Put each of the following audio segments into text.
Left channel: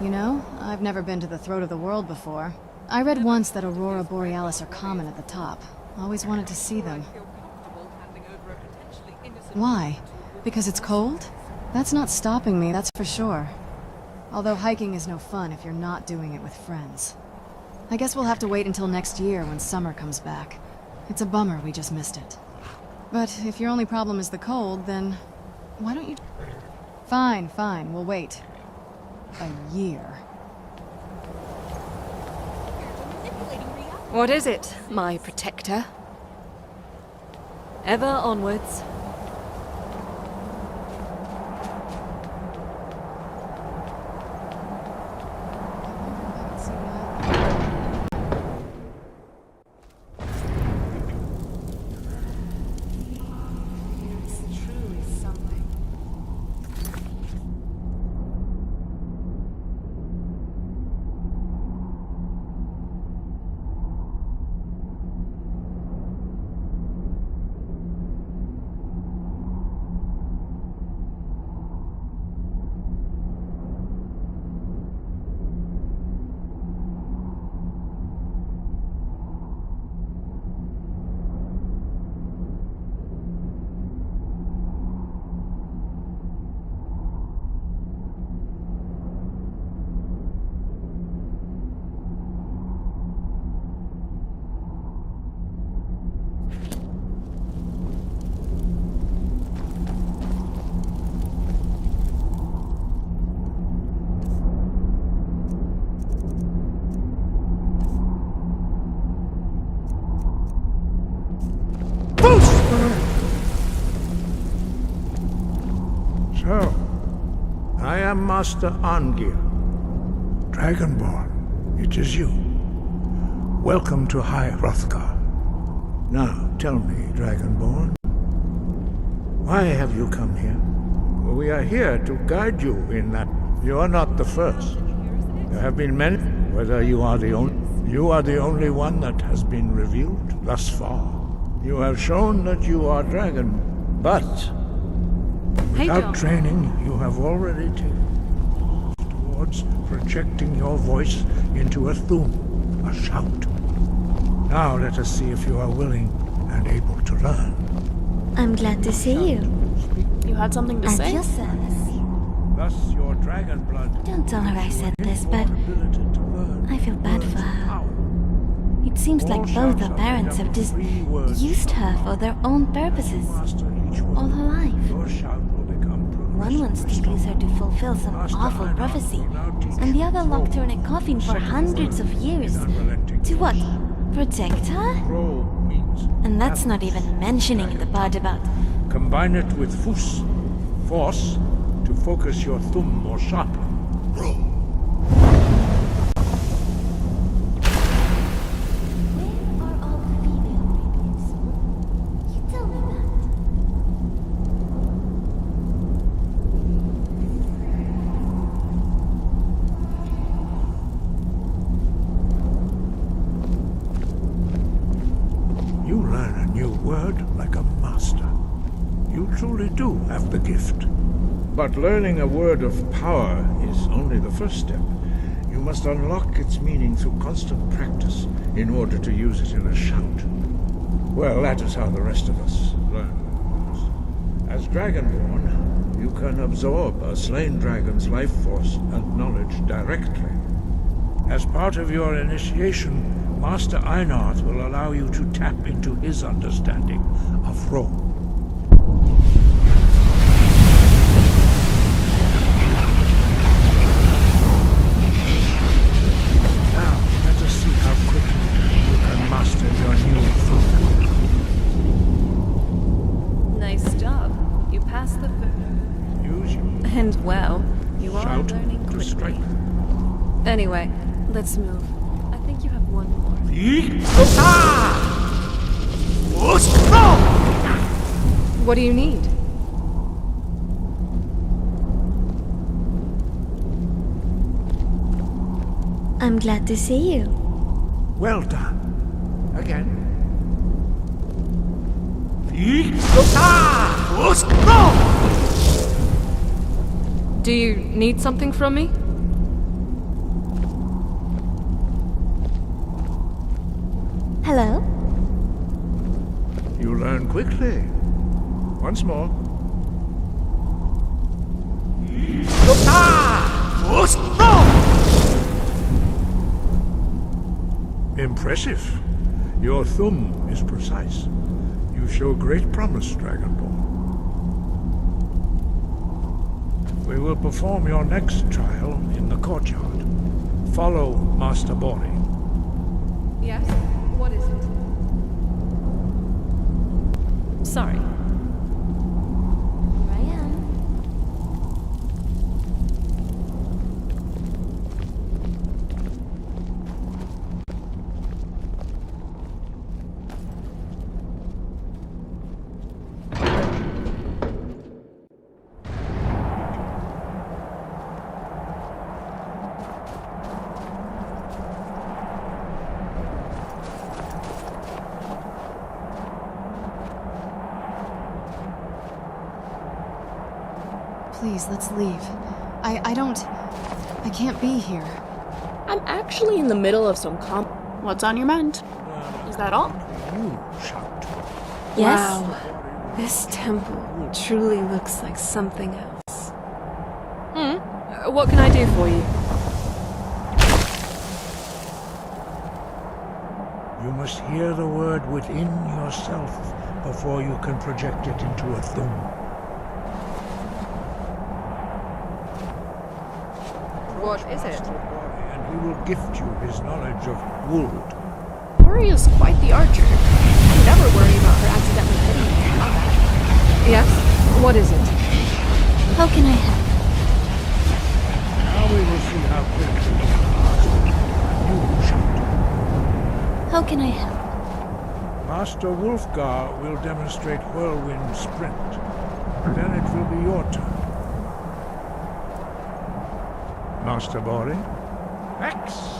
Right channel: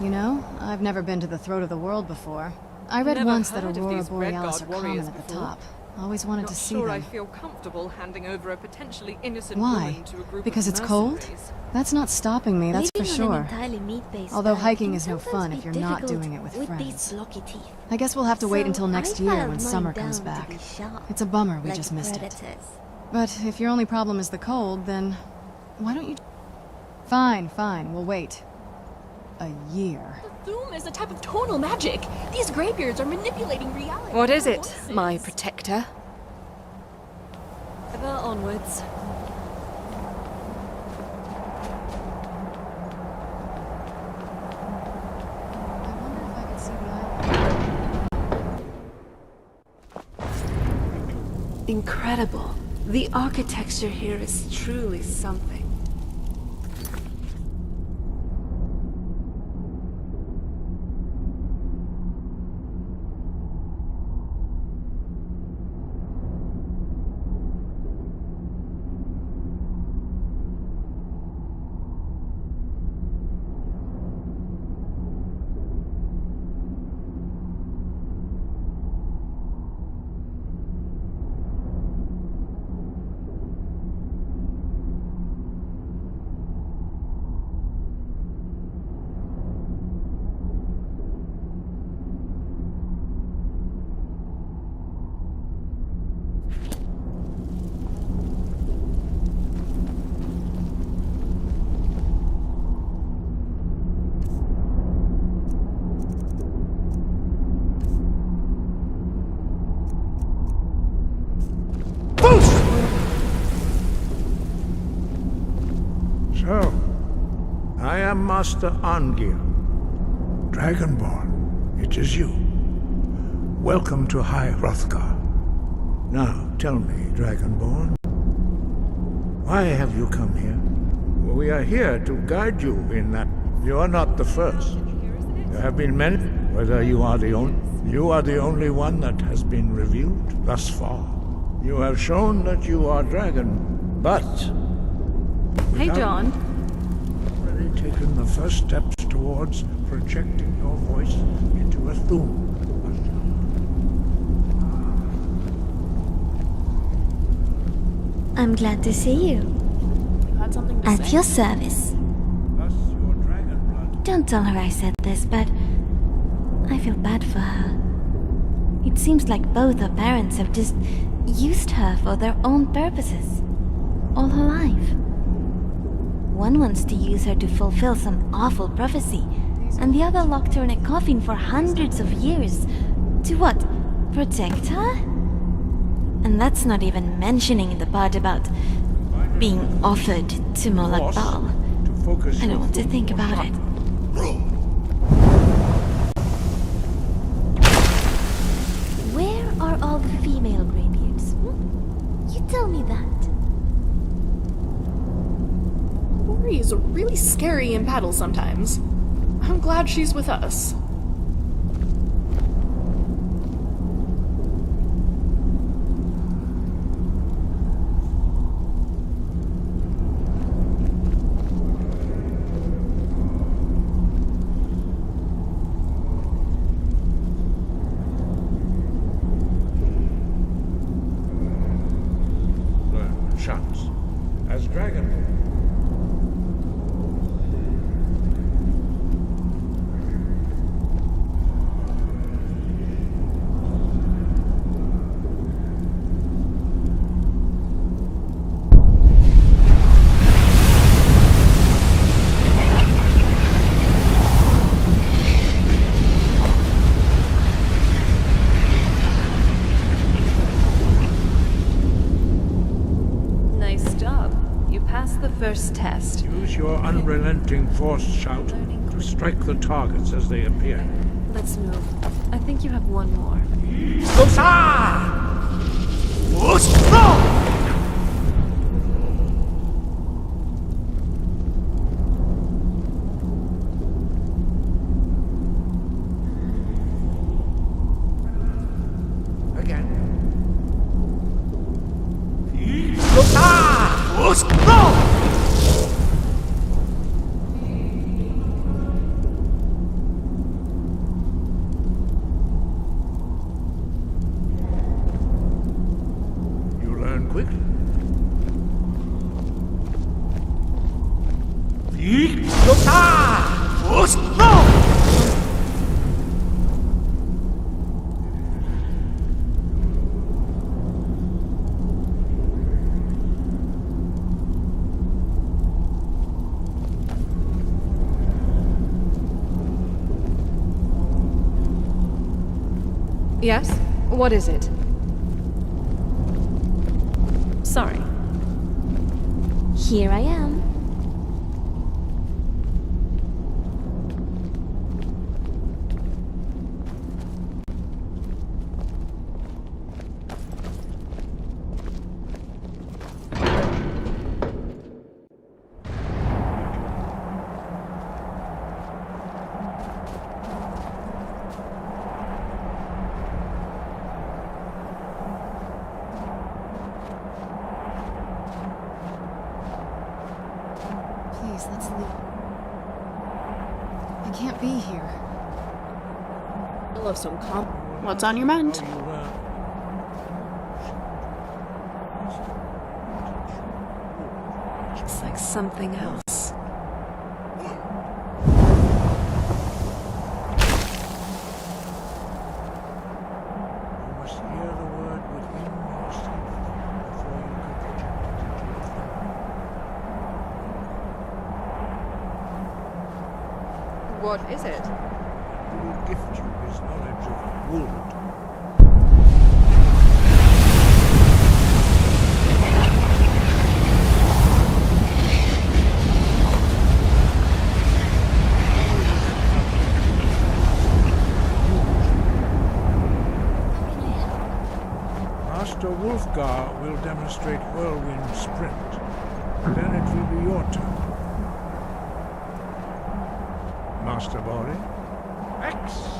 You know, I've never been to the throat of the world before. I read once that Aurora Borealis are common at the top. Always wanted to see them. I feel comfortable handing over a potentially innocent Why? woman to a group Because of it's cold? mercenaries. That's not stopping me, that's for sure. Although hiking is no sometimes fun be if you're not difficult doing it with these friends. blocky teeth. I guess we'll have to wait So until next I year found when mine summer down comes to back. be sharp, It's a bummer we like just missed it. predators. But if your only problem is the cold, then why don't you... Fine, we'll wait. A year. Doom is a type of tonal magic. These graybeards are manipulating reality. What is it, Forces. my protector? Ever onwards. I wonder if I could see the island. Incredible. The architecture here is truly something. So, I am Master Angir, Dragonborn. It is you. Welcome to High Hrothgar. Now, tell me, Dragonborn, why have you come here? Well, we are here to guide you in that. You are not the first. There have been many. Whether you are the only one that has been revealed thus far. You have shown that you are dragon, but without training, you have already taken the first steps towards projecting your voice into a thum, a shout. Now let us see if you are willing and able to learn. I'm glad to see you. You had something to At say? your service. Thus your dragon blood Don't tell her I said this, but I feel bad for her. It seems like both her parents have just used her for their own purposes all her life. One wants to use her to fulfill some awful prophecy, and the other locked her in a coffin for hundreds of years. To what? Protect her? And that's not even mentioning the part about combine it being with offered to Molag force Bal. to focus I your don't have to thumb think more about it. sharply. Where are all the female graybeards? You tell me that. Lori is really scary in battle sometimes. I'm glad she's with us. You learn a new word like a master. You truly do have the gift. But learning a word of power is only the first step. You must unlock its meaning through constant practice in order to use it in a shout. Well, that is how the rest of us learn shouts. As Dragonborn, you can absorb a slain dragon's life force and knowledge directly. As part of your initiation, Master Einard will allow you to tap into his understanding of Rome. Now, let us see how quickly you can master your new Nice job. You passed the first test. Use your And unrelenting well, force you are shout learning to quickly. strike the targets as they Anyway, let's move. I think you have one more. What do you need? I'm glad to see you. Well done. Again. Do you need something from me? learn quickly. Once more. Impressive. Your thumb is precise. You show great promise, Dragonborn. We will perform your next trial in the courtyard. Follow Master Bori. Yes? What is it? Sorry. Here I am. Please, let's leave. I can't be here. I'm actually in the middle of some What's on your mind? Is that all? You shout. Yes? Wow. This temple truly looks like something else. What can I do for you? You must hear the word within yourself before you can project it into a thumb. What is it? And he will gift you his knowledge of wood. Ori is quite the archer. Never worried about that. Yes? What is it? How can I help? Now we will see how quickly you can master you shoot. How can I help? Master Wulfgar will demonstrate whirlwind sprint. Then it will be your turn. Master Bori? X!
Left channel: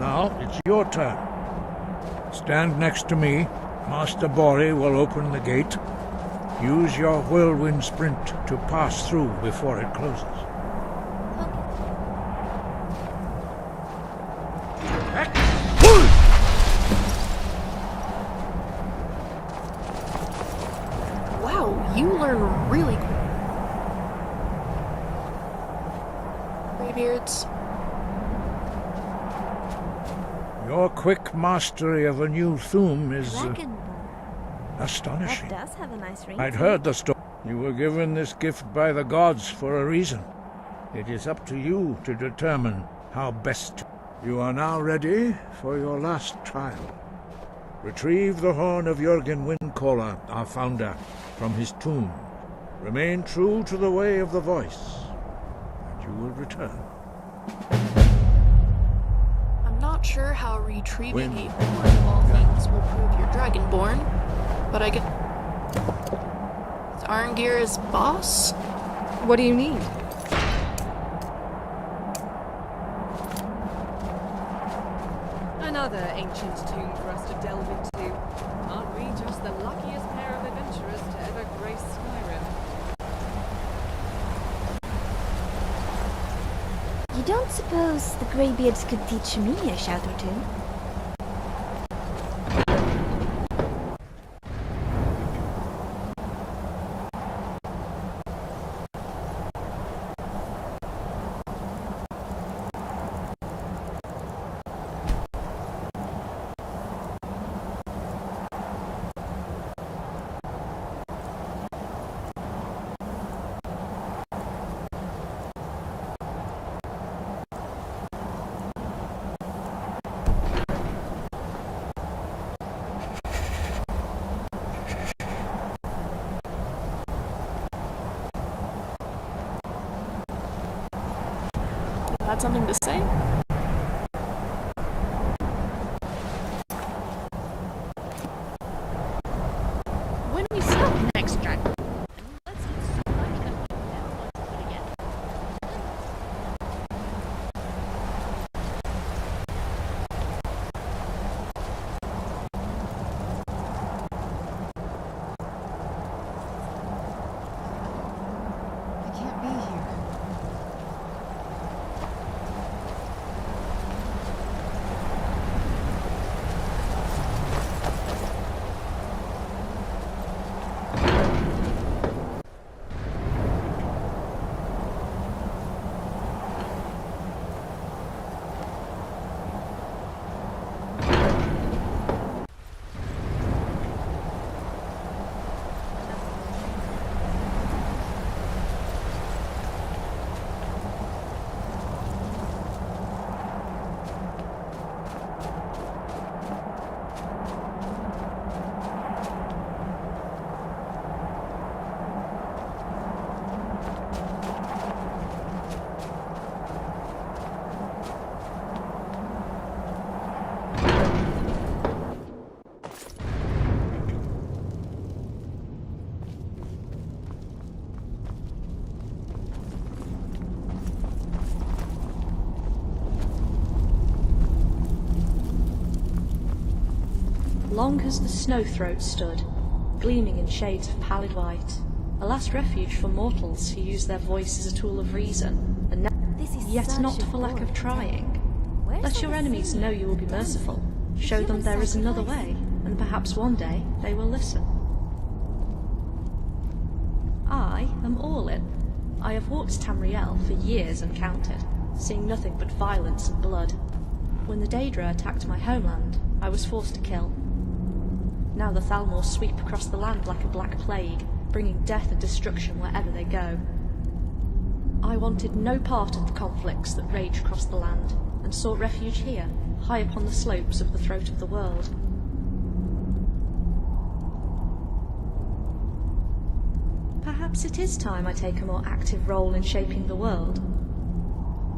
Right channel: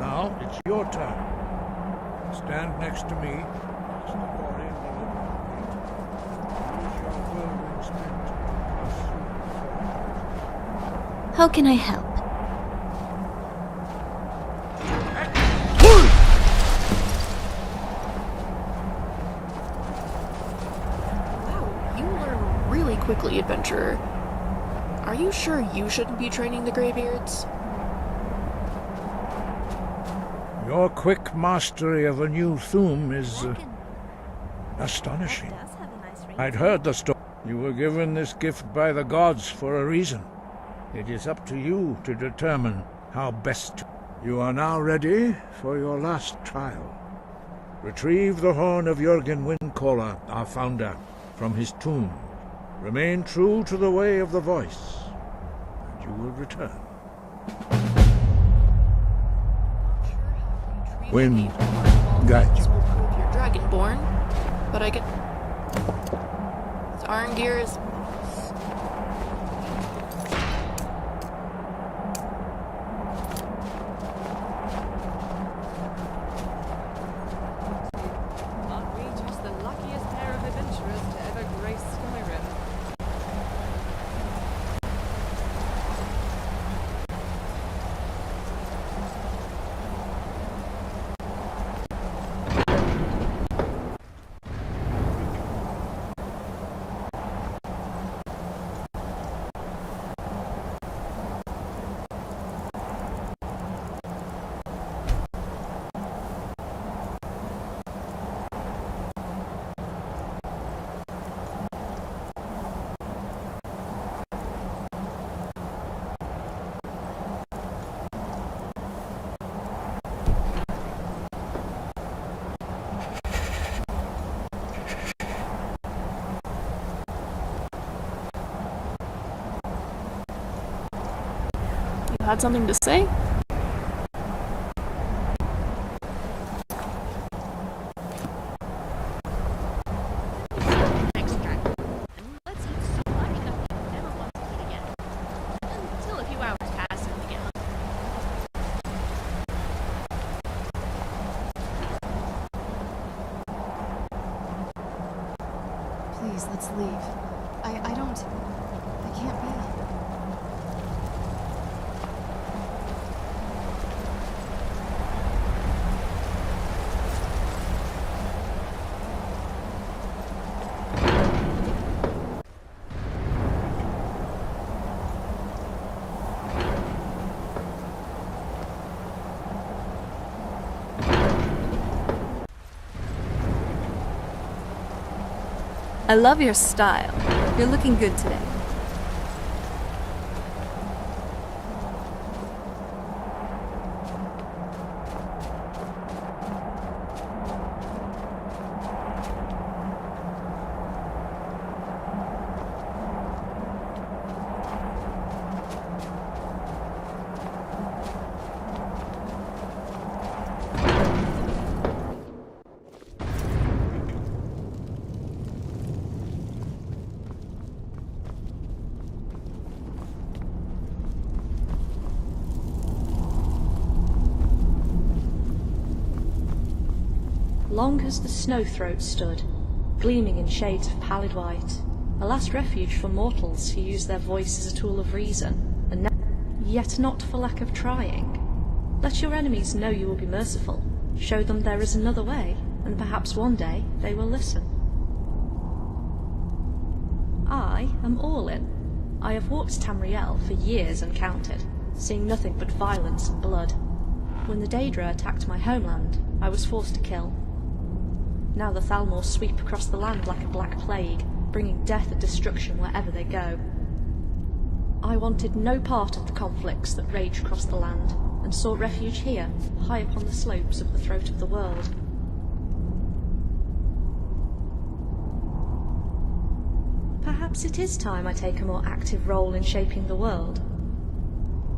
Now it's your turn. Stand next to me. Master Bori will open the gate. Use your whirlwind sprint to pass through before it closes. How can I help? Wow, you learn really quickly, adventurer. Are you sure you shouldn't be training the Greybeards? Your quick mastery of a new thum is Dragonborn. astonishing. That does have a nice ring. I'd heard the story. You were given this gift by the gods for a reason. It is up to you to determine how best to. You are now ready for your last trial. Retrieve the horn of Jürgen Windcaller, our founder, from his tomb. Remain true to the way of the voice, and you will return. I'm not sure how retrieving Wind a horn of all guide things will prove you're Dragonborn, but I get... Is Arngir his boss? What do you mean? Another ancient tomb for us to delve into. Aren't we just the luckiest pair of adventurers to ever grace Skyrim? I don't suppose the Greybeards could teach me a shout or two. You had something to say? When we stop the next dragon, and let's eat so much that we never want to eat again. Until a few hours pass and we get Please, let's leave. I can't be here. I love your style. You're looking good today. Long has the snow-throat stood, gleaming in shades of pallid white, a last refuge for mortals who use their voice as a tool of reason, and yet not for lack of trying. Let your enemies know you will be merciful, show them there is another way, and perhaps one day they will listen. I am all in. I have walked Tamriel for years uncounted, seeing nothing but violence and blood. When the Daedra attacked my homeland, I was forced to kill. Now the Thalmor sweep across the land like a black plague, bringing death and destruction wherever they go. I wanted no part of the conflicts that rage across the land, and sought refuge here, high upon the slopes of the throat of the world. Perhaps it is time I take a more active role in shaping the world.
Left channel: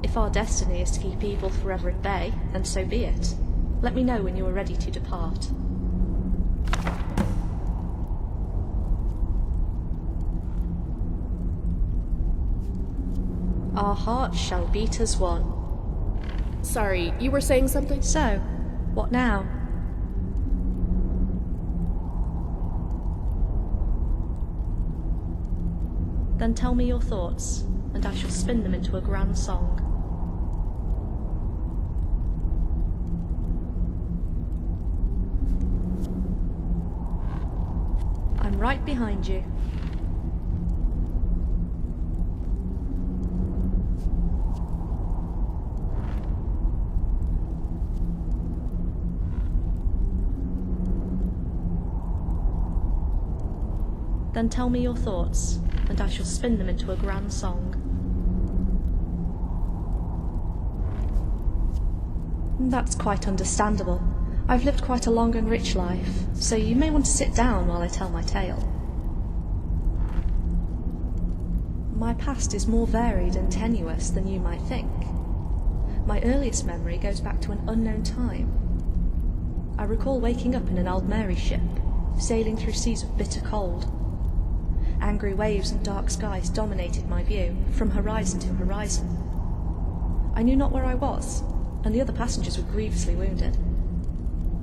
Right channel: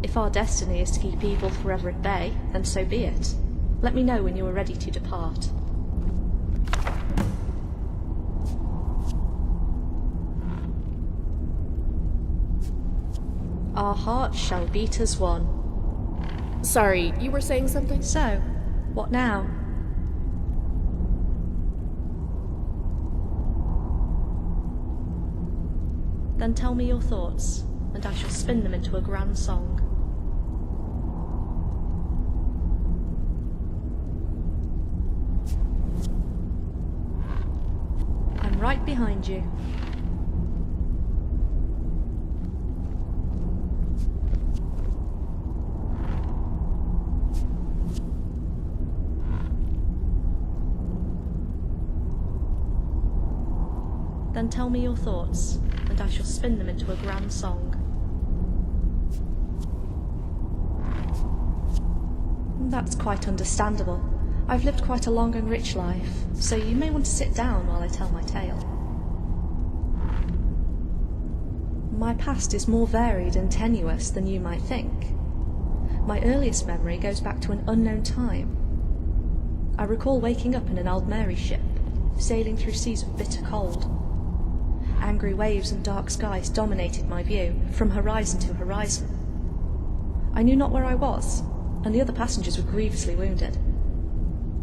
If our destiny is to keep evil forever at bay, then so be it. Let me know when you are ready to depart. Our hearts shall beat as one. Sorry, you were saying something? So, what now? Then tell me your thoughts, and I shall spin them into a grand song. I'm right behind you. Then tell me your thoughts, and I shall spin them into a grand song. That's quite understandable. I've lived quite a long and rich life, so you may want to sit down while I tell my tale. My past is more varied and tenuous than you might think. My earliest memory goes back to an unknown time. I recall waking up in an Aldmeri ship, sailing through seas of bitter cold. Angry waves and dark skies dominated my view, from horizon to horizon. I knew not where I was, and the other passengers were grievously wounded.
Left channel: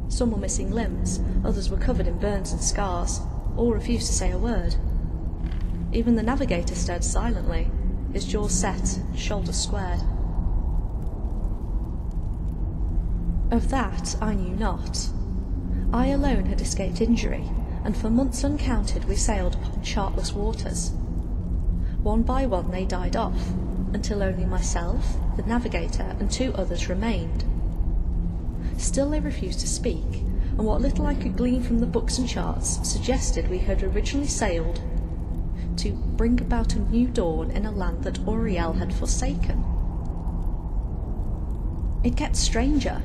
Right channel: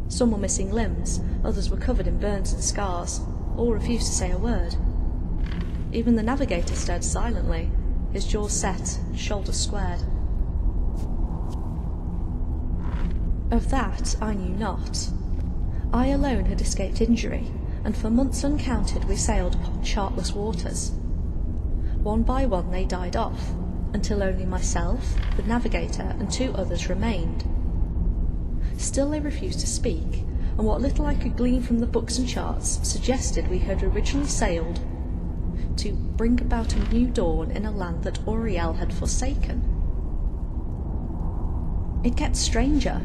Some were missing limbs, others were covered in burns and scars, all refused to say a word. Even the navigator stared silently, his jaws set, shoulders squared. Of that I knew not. I alone had escaped injury, and for months uncounted we sailed upon chartless waters. One by one they died off, until only myself, the navigator, and 2 others remained. Still they refused to speak, and what little I could glean from the books and charts suggested we had originally sailed to bring about a new dawn in a land that Auriel had forsaken. It gets stranger.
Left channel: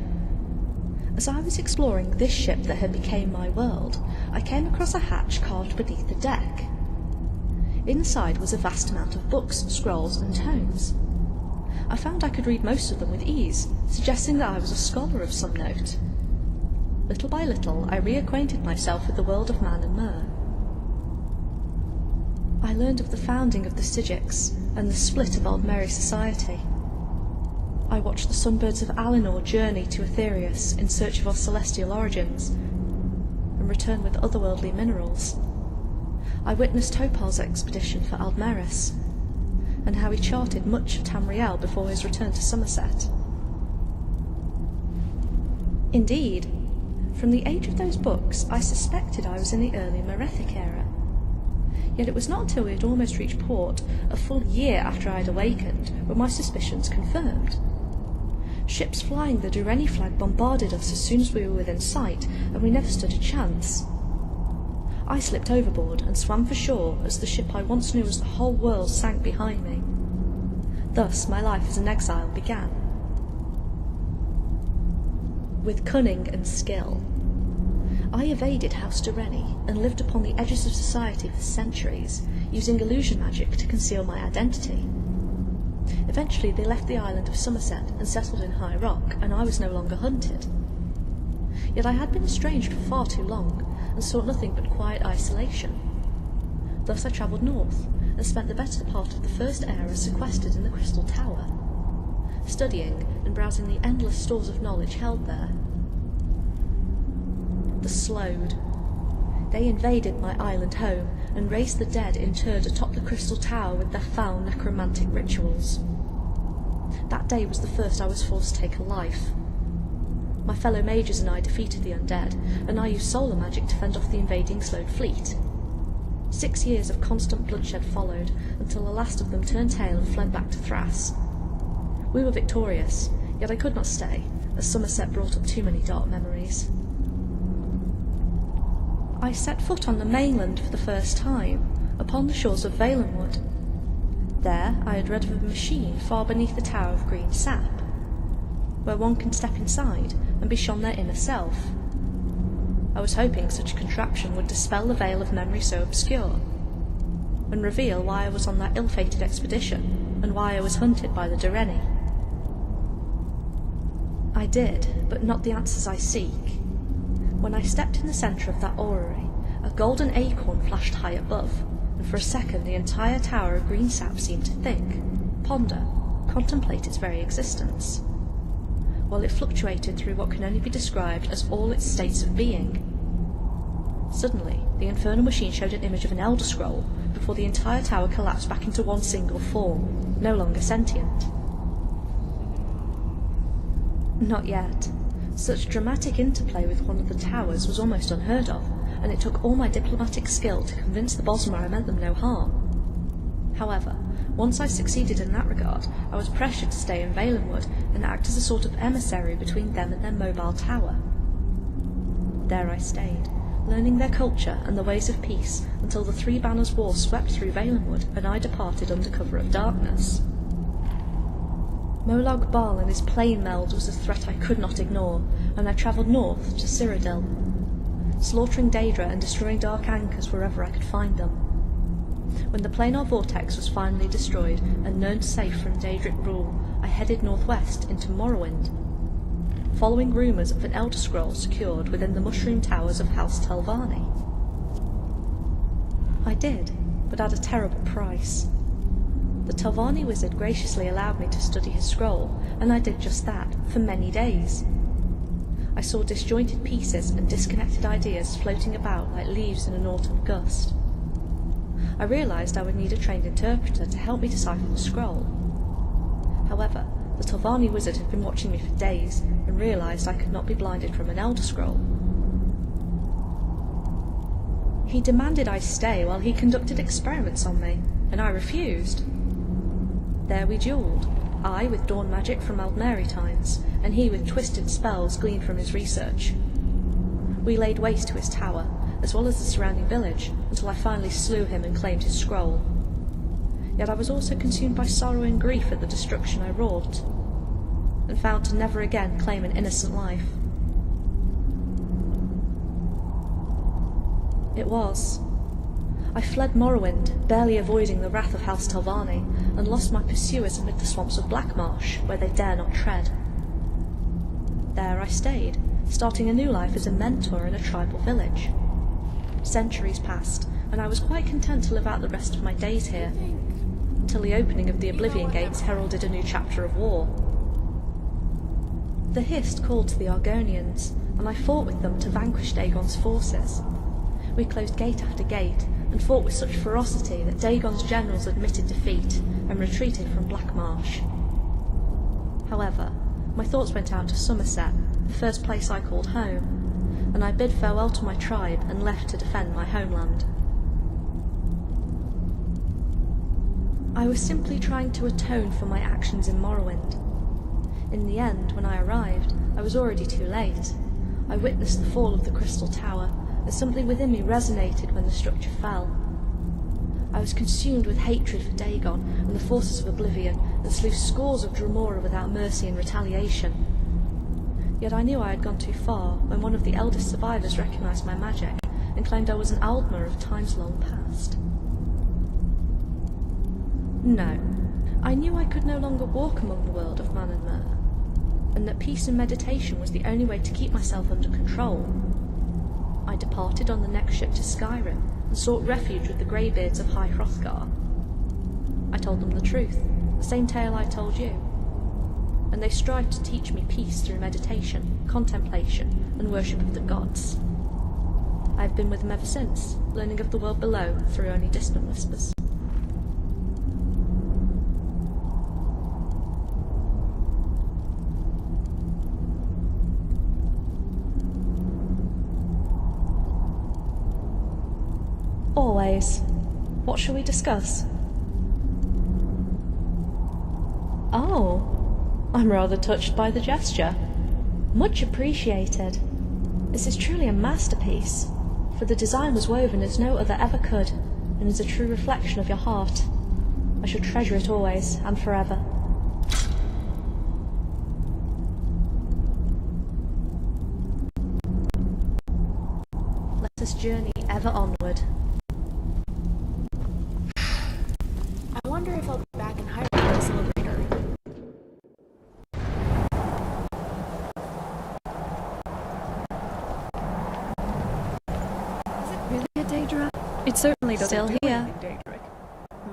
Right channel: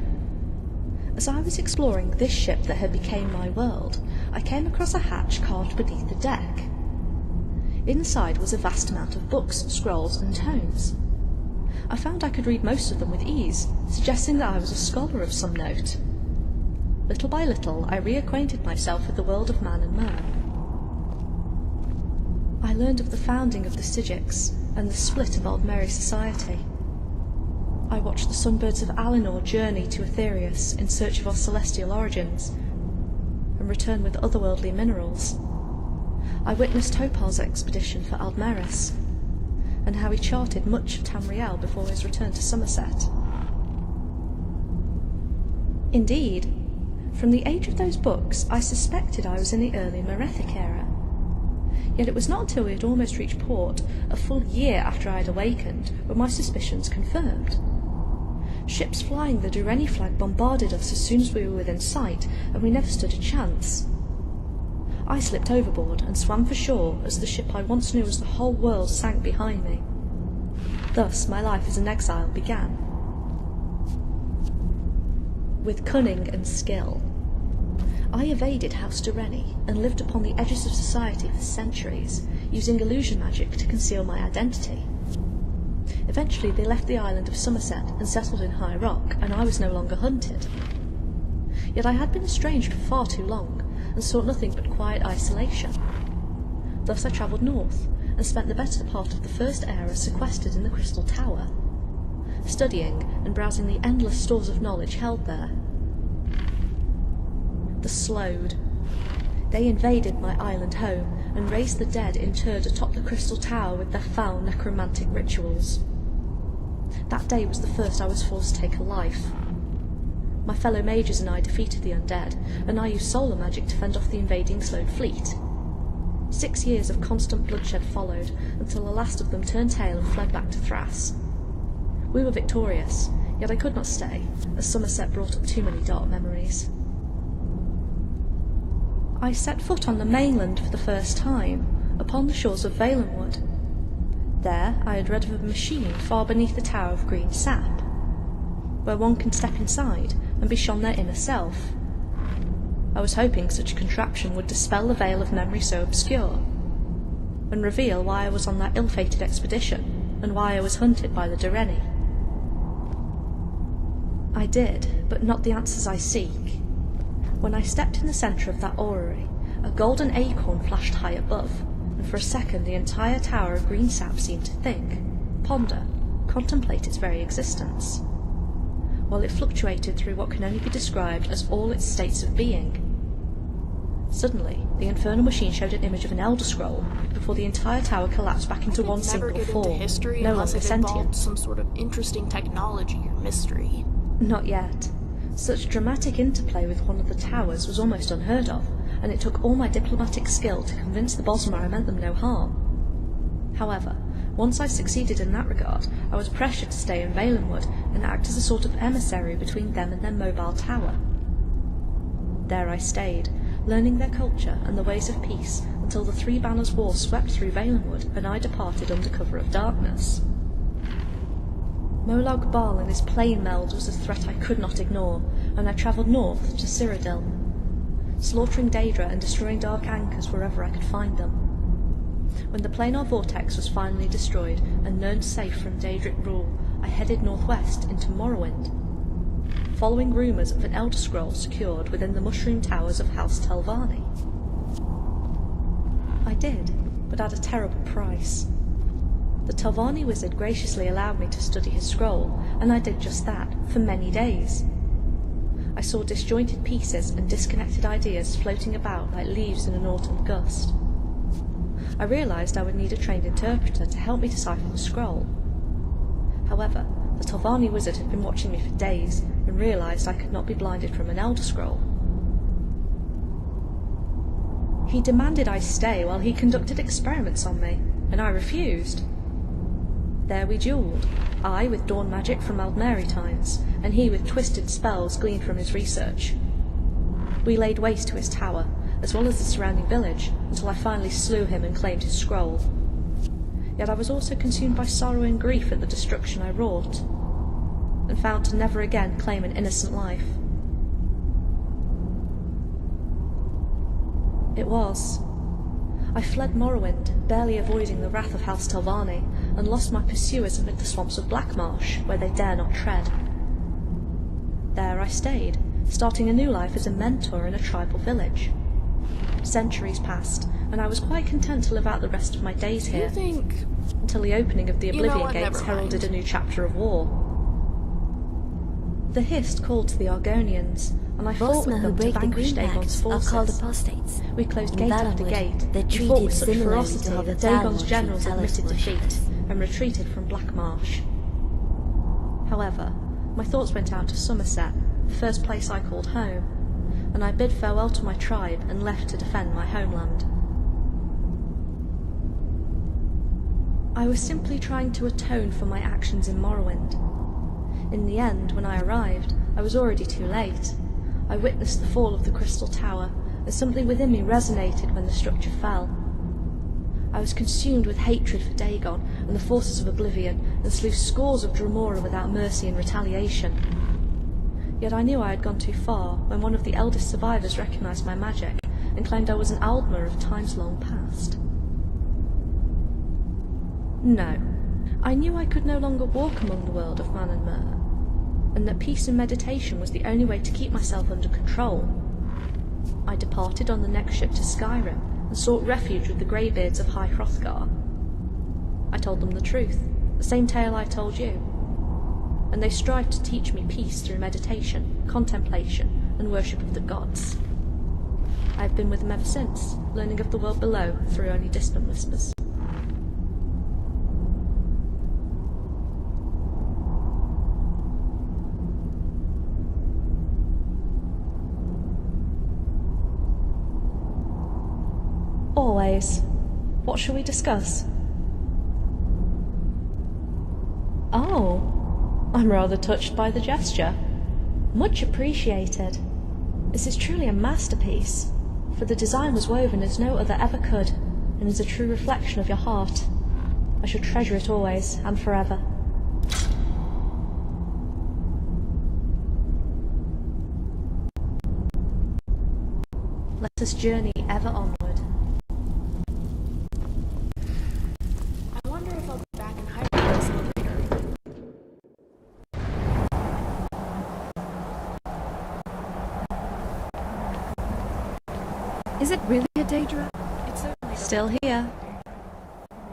As I was exploring this ship that had become my world, I came across a hatch carved beneath the deck. Inside was a vast amount of books, scrolls, and tomes. I found I could read most of them with ease, suggesting that I was a scholar of some note. Little by little, I reacquainted myself with the world of man and mer. I learned of the founding of the Stygics, and the split of Aldmeri society. I watched the sunbirds of Alinor journey to Aetherius in search of our celestial origins, and return with otherworldly minerals. I witnessed Topal's expedition for Aldmeris, and how he charted much of Tamriel before his return to Somerset. Indeed, from the age of those books I suspected I was in the early Merethic era. Yet it was not until we had almost reached port, a full year after I had awakened, were my suspicions confirmed. Ships flying the Dureni flag bombarded us as soon as we were within sight, and we never stood a chance. I slipped overboard and swam for shore as the ship I once knew as the whole world sank behind me. Thus my life as an exile began. With cunning and skill, I evaded House Durrani and lived upon the edges of society for centuries, using illusion magic to conceal my identity. Eventually they left the island of Somerset and settled in High Rock, and I was no longer hunted. Yet I had been estranged for far too long, and sought nothing but quiet isolation. Thus I travelled north, and spent the better part of the First Era sequestered in the Crystal Tower, studying and browsing the endless stores of knowledge held there. The Slowed. They invaded my island home, and raised the dead interred atop the Crystal Tower with their foul necromantic rituals. That day was the first I was forced to take a life. My fellow mages and I defeated the undead, and I used solar magic to fend off the invading Slowed fleet. 6 years of constant bloodshed followed, until the last of them turned tail and fled back to Thrass. We were victorious, yet I could not stay, as Somerset brought up too many dark memories. I set foot on the mainland for the first time, upon the shores of Valenwood. There I had read of a machine far beneath the Tower of Green Sap, where one can step inside and be shown their inner self. I was hoping such a contraption would dispel the veil of memory so obscure, and reveal why I was on that ill-fated expedition, and why I was hunted by the Durrani. I did, but not the answers I seek. When I stepped in the centre of that orrery, a golden acorn flashed high above, and for a second the entire Tower of Green Sap seemed to think, ponder, contemplate its very existence, while it fluctuated through what can only be described as all its states of being. Suddenly, the infernal machine showed an image of an Elder Scroll, before the entire tower collapsed back into one single form, no longer sentient. Some sort of interesting technology or mystery. Not yet. Such dramatic interplay with one of the towers was almost unheard of, and it took all my diplomatic skill to convince the Bosmer I meant them no harm. However, once I succeeded in that regard, I was pressured to stay in Valenwood and act as a sort of emissary between them and their mobile tower. There I stayed, learning their culture and the ways of peace until the Three Banners War swept through Valenwood and I departed under cover of darkness. Molag Bal and his plane meld was a threat I could not ignore, and I travelled north to Cyrodiil, slaughtering Daedra and destroying dark anchors wherever I could find them. When the planar vortex was finally destroyed and known safe from Daedric rule, I headed northwest into Morrowind, following rumours of an Elder Scroll secured within the mushroom towers of House Telvanni. I did, but at a terrible price. The Telvanni wizard graciously allowed me to study his scroll, and I did just that, for many days. I saw disjointed pieces and disconnected ideas floating about like leaves in an autumn gust. I realised I would need a trained interpreter to help me decipher the scroll. However, the Telvanni wizard had been watching me for days, and realised I could not be blinded from an Elder Scroll. He demanded I stay while he conducted experiments on me, and I refused. There we duelled, I with dawn magic from Aldmeri times, and he with twisted spells gleaned from his research. We laid waste to his tower, as well as the surrounding village, until I finally slew him and claimed his scroll. Yet I was also consumed by sorrow and grief at the destruction I wrought, and vowed to never again claim an innocent life. It was. I fled Morrowind, barely avoiding the wrath of House Telvanni, and lost my pursuers amid the swamps of Blackmarsh, where they dare not tread. There I stayed, starting a new life as a mentor in a tribal village. Centuries passed, and I was quite content to live out the rest of my days here, until the opening of the Oblivion Gates heralded a new chapter of war. The Hist called to the Argonians, and I fought with them to vanquish Dagon's forces. We closed gate after gate, and fought with such ferocity that Dagon's generals admitted defeat, and retreated from Blackmarsh. However, my thoughts went out to Somerset, the first place I called home, and I bid farewell to my tribe and left to defend my homeland. I was simply trying to atone for my actions in Morrowind. In the end, when I arrived, I was already too late. I witnessed the fall of the Crystal Tower, as something within me resonated when the structure fell. I was consumed with hatred for Dagon and the forces of Oblivion, and slew scores of Dremora without mercy and retaliation. Yet I knew I had gone too far when one of the eldest survivors recognised my magic and claimed I was an Aldmer of times long past. No, I knew I could no longer walk among the world of man and mer, and that peace and meditation was the only way to keep myself under control. I departed on the next ship to Skyrim and sought refuge with the greybeards of High Hrothgar. I told them the truth, the same tale I told you, and they strived to teach me peace through meditation, contemplation, and worship of the gods. I have been with them ever since, learning of the world below through only distant whispers. Always. What shall we discuss? Oh, I'm rather touched by the gesture. Much appreciated. This is truly a masterpiece, for the design was woven as no other ever could, and is a true reflection of your heart. I shall treasure it always and forever. Let us journey ever onward. I wonder if I'll be back in Hyrule later. Is it really a Daedra? It certainly doesn't. Still feel here. like Daedric.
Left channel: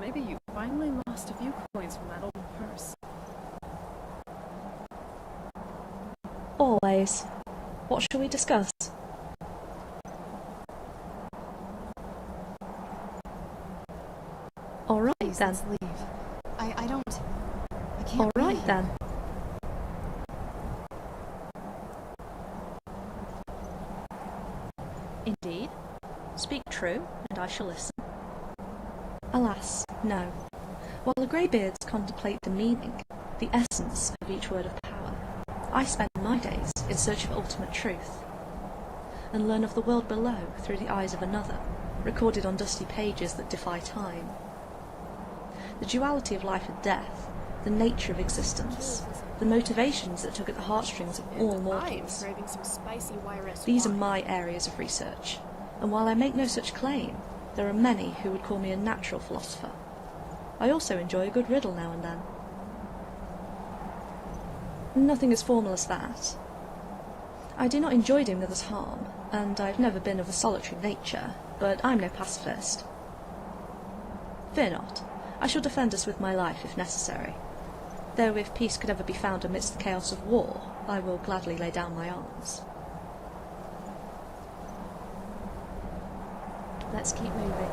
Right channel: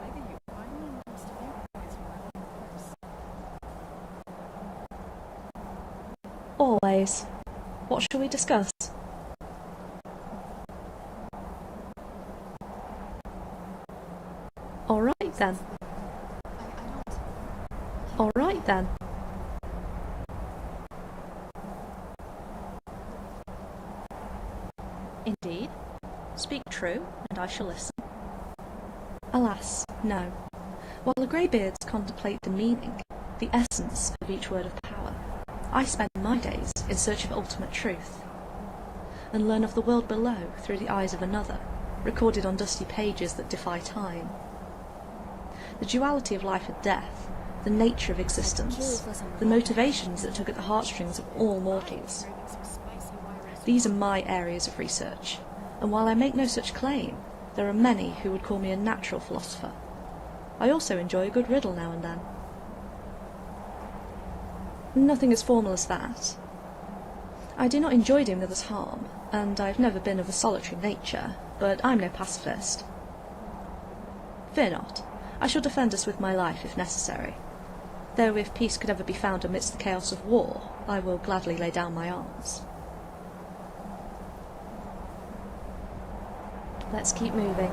Maybe you finally lost a few coins from that old purse. Always. What shall we discuss? Alright Please, then. let's leave. I can't Alright breathe. then. Indeed. Speak true, and I shall listen. Alas, no. While the greybeards contemplate the meaning, the essence of each word of power, I spend my days in search of ultimate truth, and learn of the world below through the eyes of another, recorded on dusty pages that defy time. The duality of life and death, the nature of existence, the motivations that tug at the heartstrings of all mortals. These are my areas of research, and while I make no such claim, there are many who would call me a natural philosopher. I also enjoy a good riddle now and then. Nothing as formal as that. I do not enjoy doing others harm, and I've never been of a solitary nature, but I'm no pacifist. Fear not. I shall defend us with my life if necessary. Though if peace could ever be found amidst the chaos of war, I will gladly lay down my arms. Let's keep moving.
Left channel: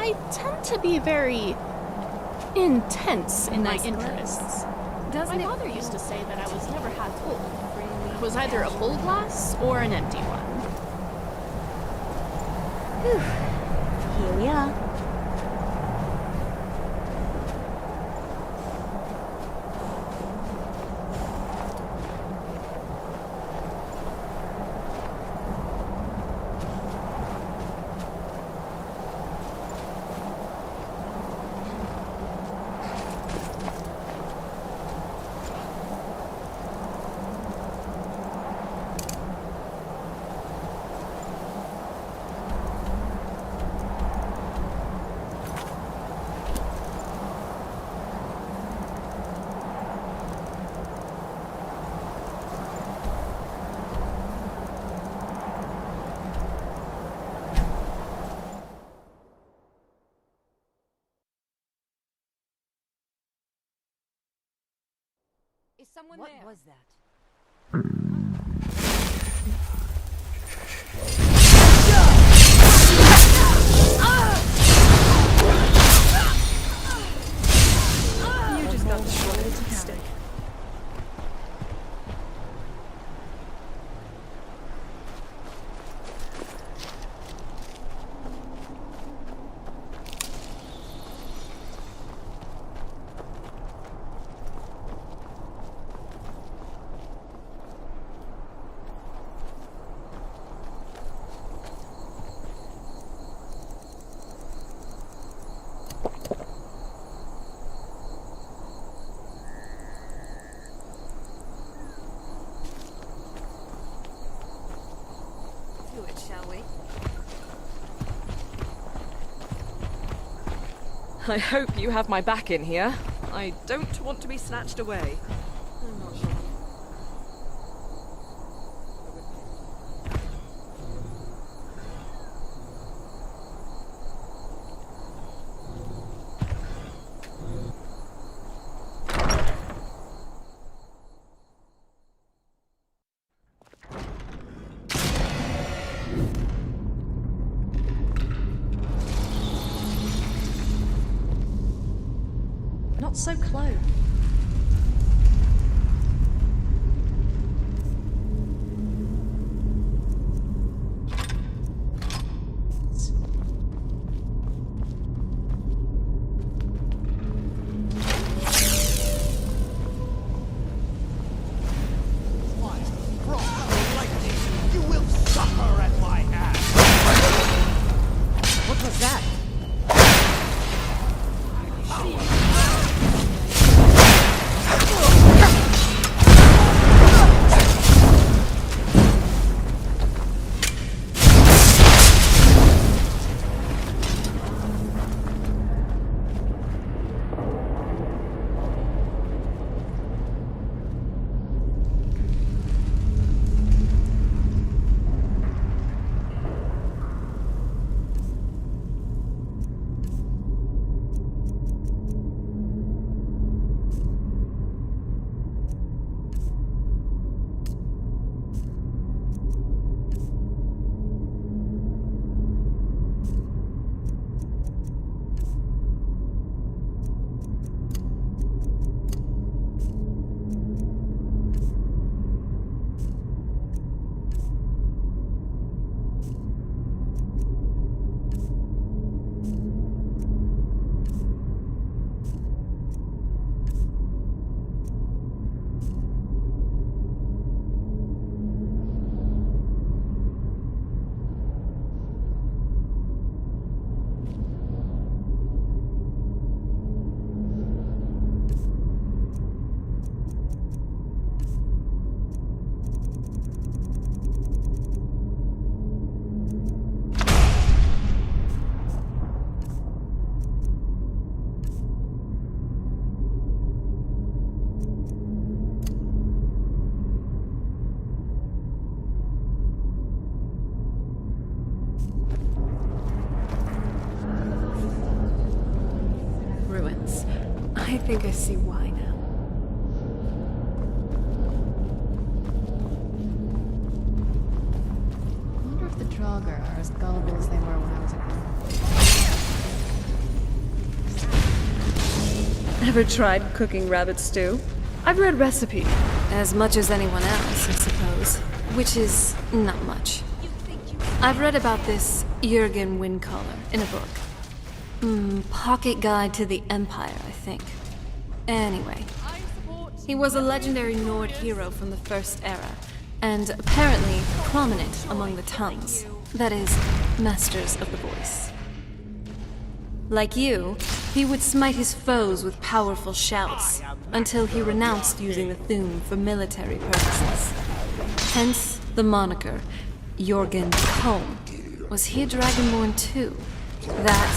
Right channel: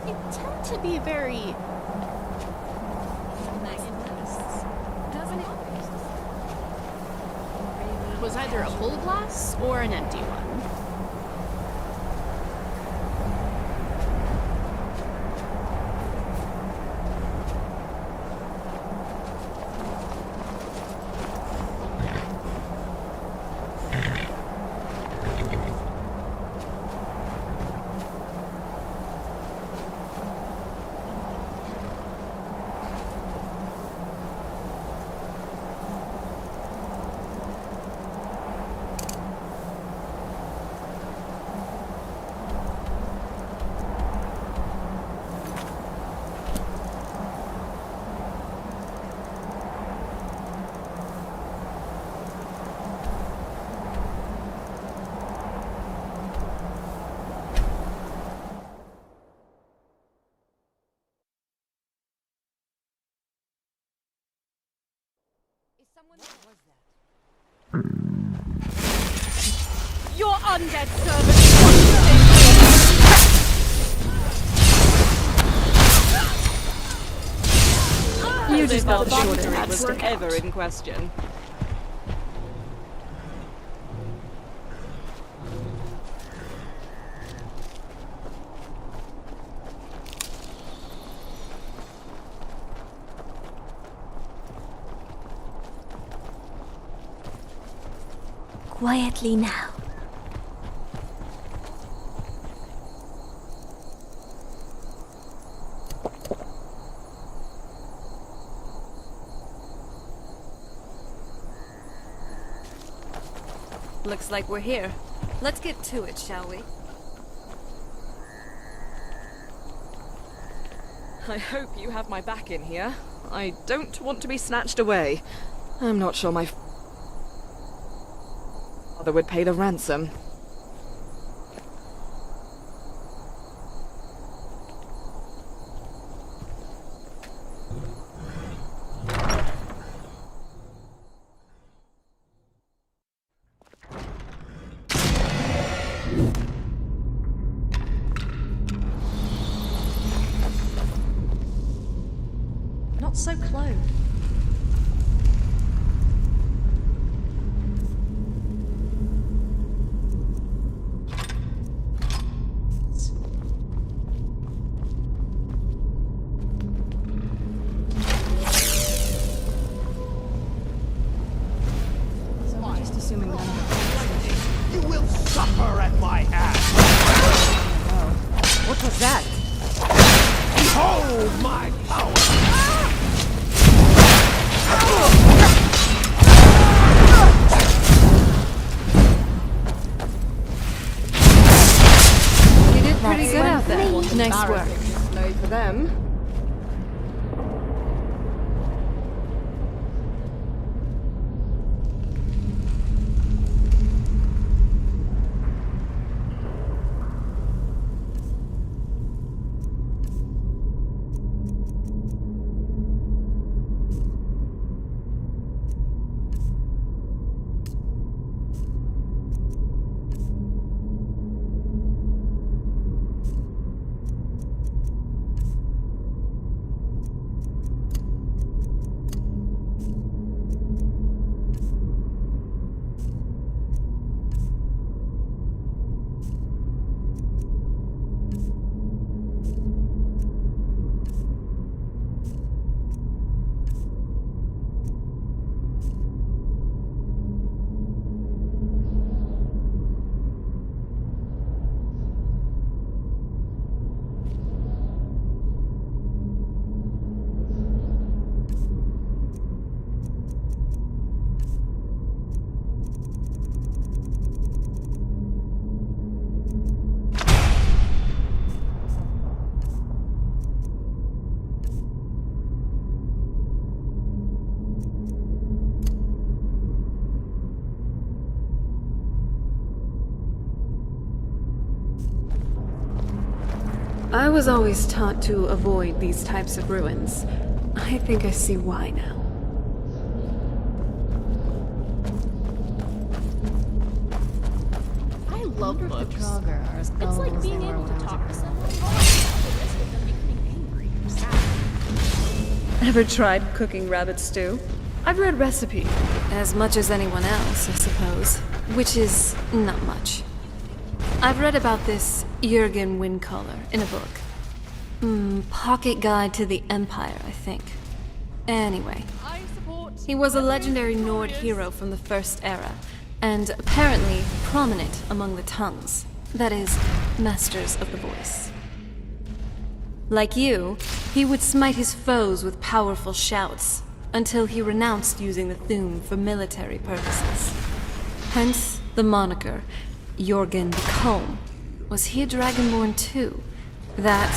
I tend to be very intense in my interests. My father used to say that I was never half full. It was either a full glass or an empty one. Here we are. someone there? was that? Your undead servant! You just got the short end of the Was stick. ever in question. Quietly now. Looks like we're here. Let's get to it, shall we? I hope you have my back in here. I don't want to be snatched away. I'm not sure my father would pay the ransom. Not so close. Just assuming You will suffer at my hand! What was that? Behold my power! You did pretty good out there. Nice work. Sorry for them. I was always taught to avoid these types of ruins. I think I see why now. I wonder if the Draugr are as gullible as they were when I was a girl. Ever tried cooking rabbit stew? I've read recipe. As much as anyone else, I suppose. Which is not much. I've read about this Jürgen Windcaller in a book. Pocket Guide to the Empire, I think. Anyway, he was a legendary Nord hero from the First Era, and apparently prominent among the tongues. That is, masters of the voice. Like you, he would smite his foes with powerful shouts, until he renounced using the Thu'um for military purposes. Hence the moniker, Jürgen Comb. Was he a Dragonborn too? That,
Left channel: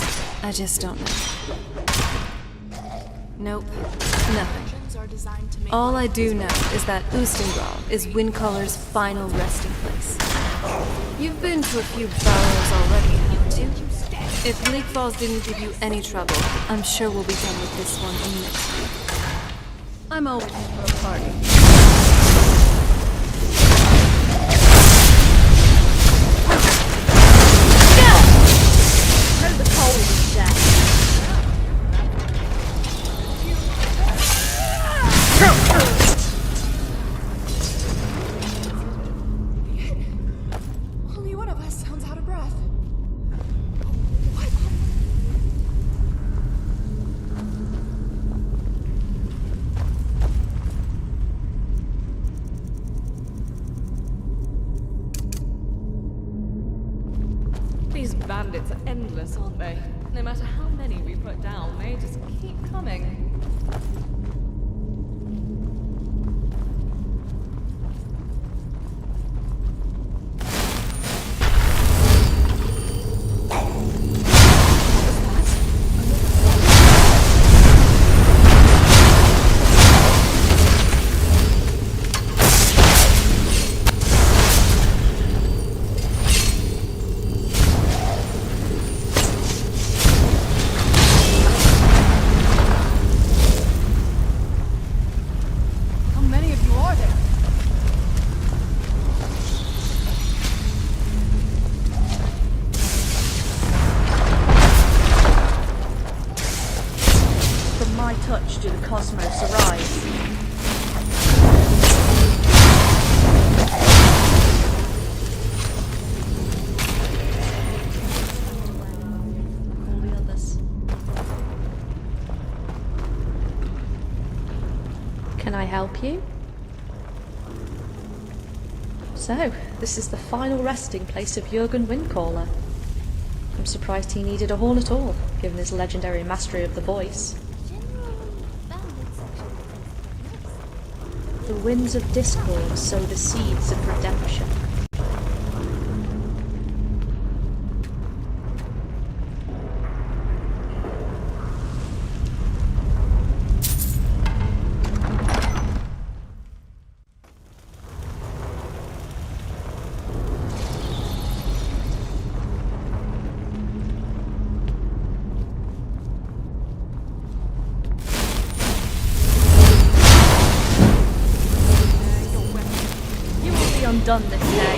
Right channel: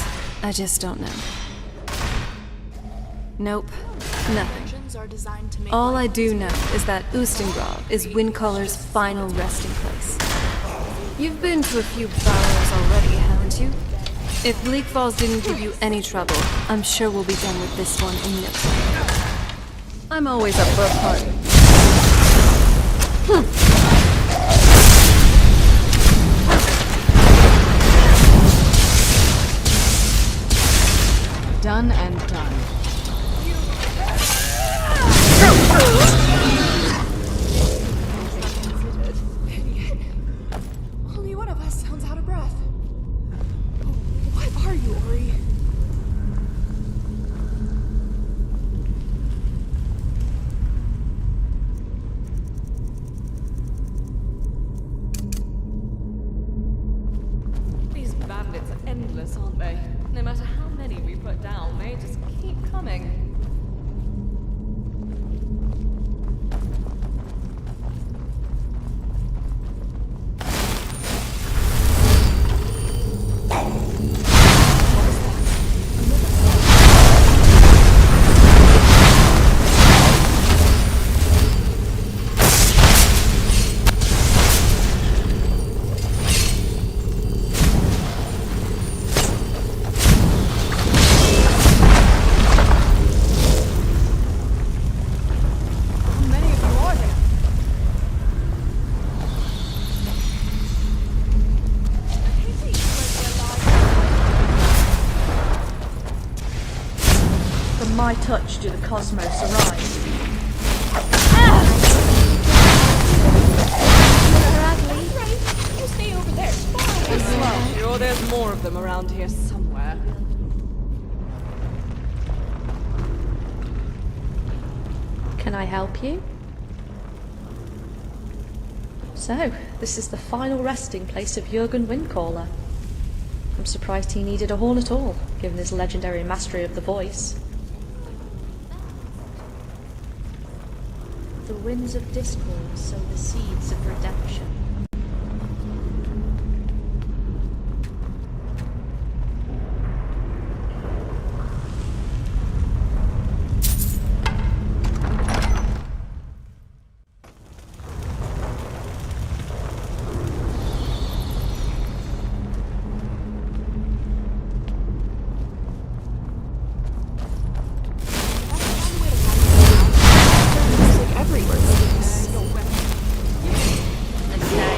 I just don't know. Nope, nothing. All I do know is that Ustengrav is Windcaller's final resting place. You've been to a few burrows already, haven't you? If Bleak Falls didn't give you any trouble, I'm sure we'll be done with this one in no time. I'm always up for a party. Done and done. Only one of us sounds out of breath. What are you, Ori? These bandits are endless, aren't they? No matter how many we put down, they just keep coming. What was that? How many of you are there? From my touch do the cosmos arise. Sure, there's more of them around here somewhere. Can I help you? So, this is the final resting place of Jurgen Windcaller. I'm surprised he needed a horn at all, given his legendary mastery of the voice. The winds of discord sow the seeds of redemption. You will be undone this day.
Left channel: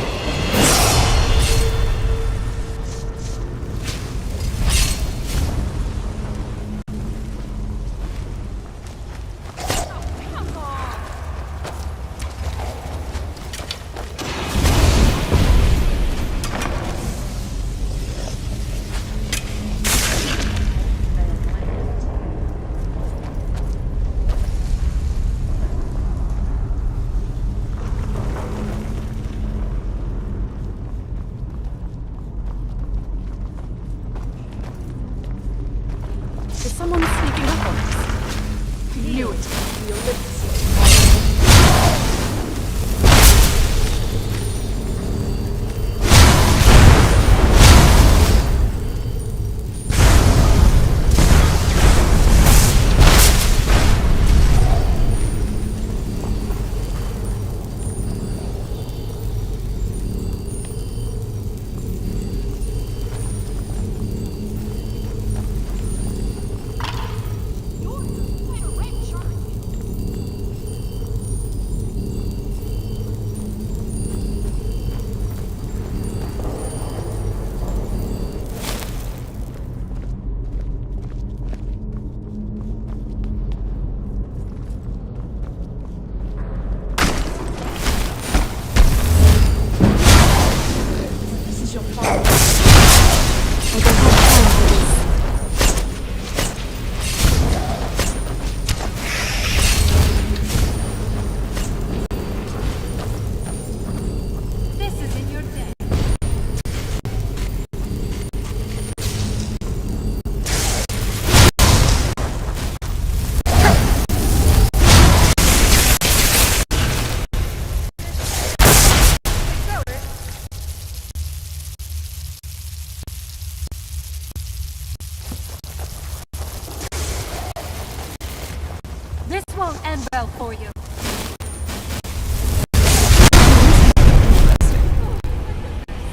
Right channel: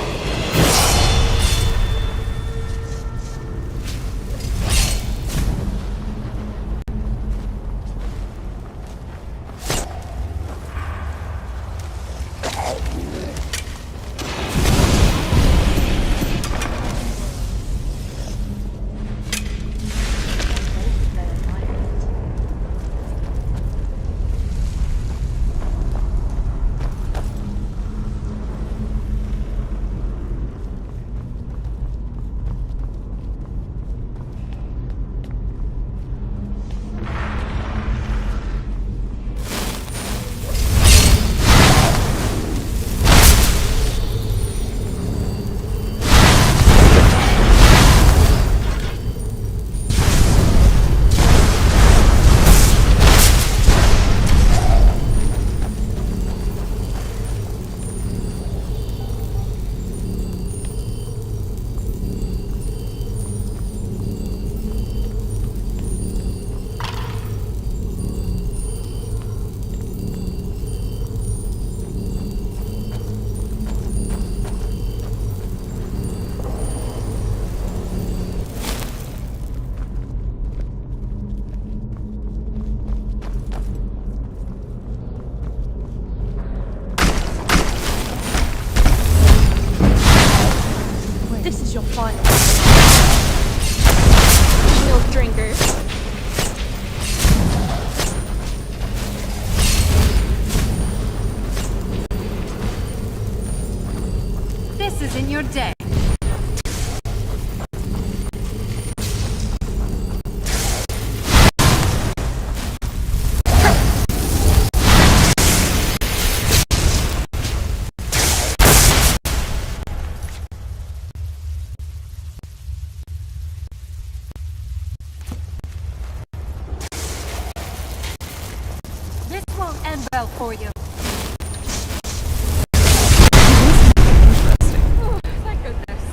Is someone sneaking up on us? Knew it. This is your final. No drinkers. This is in your day. This won't end well for you. Oh, thank goodness.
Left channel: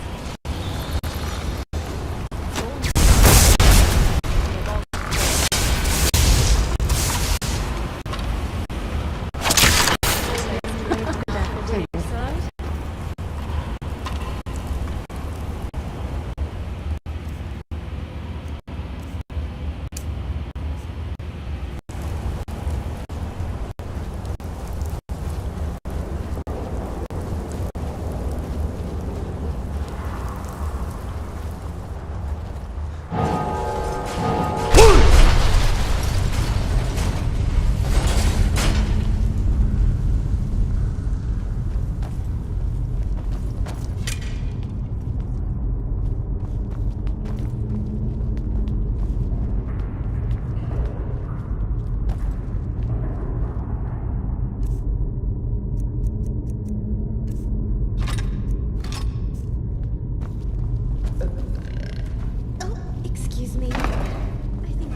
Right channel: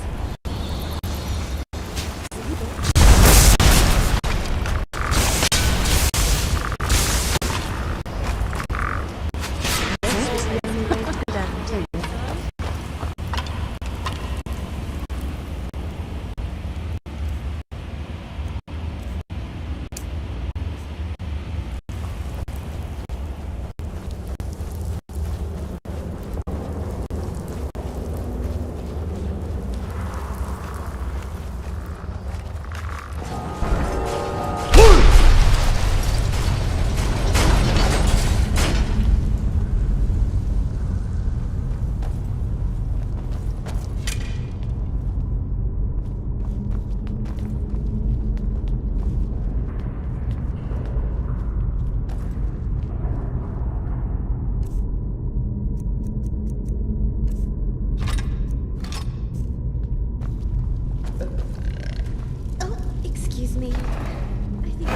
Excuse me. I think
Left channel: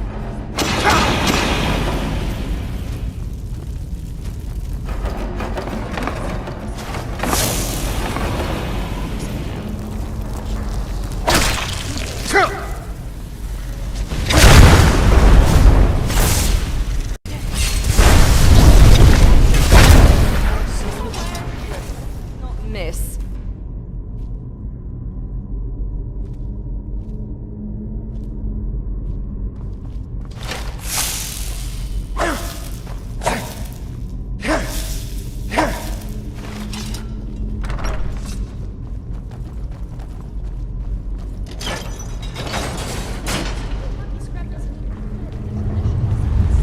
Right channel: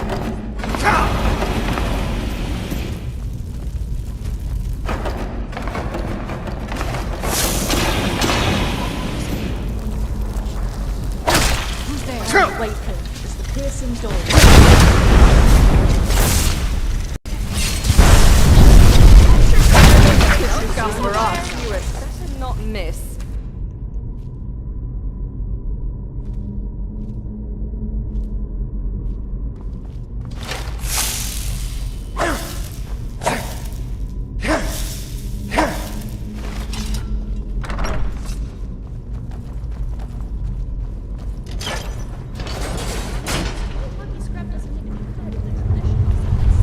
Not miss. Lucky scrap doesn't need to be fed in the traditional sense.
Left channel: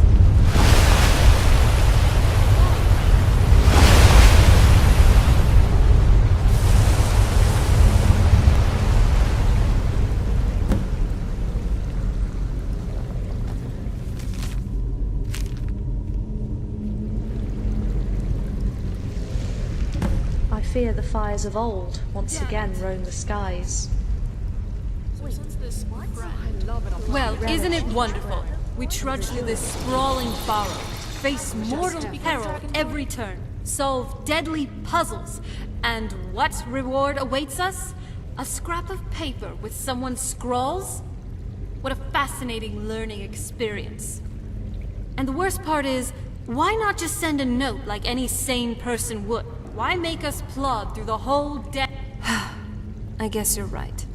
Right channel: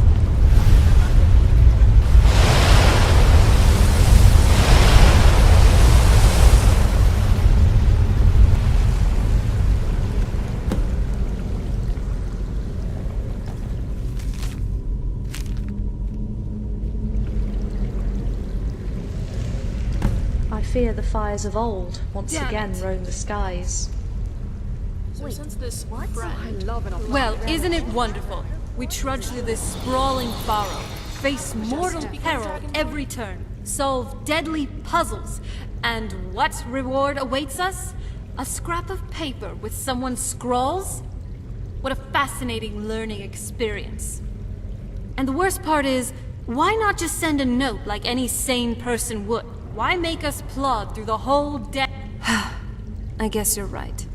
I fear the fires of old once Damn again it. roam the skies. So since this friend I love an Well, isn't it wonderful? We trudge through this sprawling burrow, face mortal peril every turn, solve deadly puzzles, and what reward awaits us? A scrap of paper with someone's scrawls? What a fascinating learning experience. And the worst part is, why not just send a note like any sane person would? Why make us plod through the whole day? I guess you're right.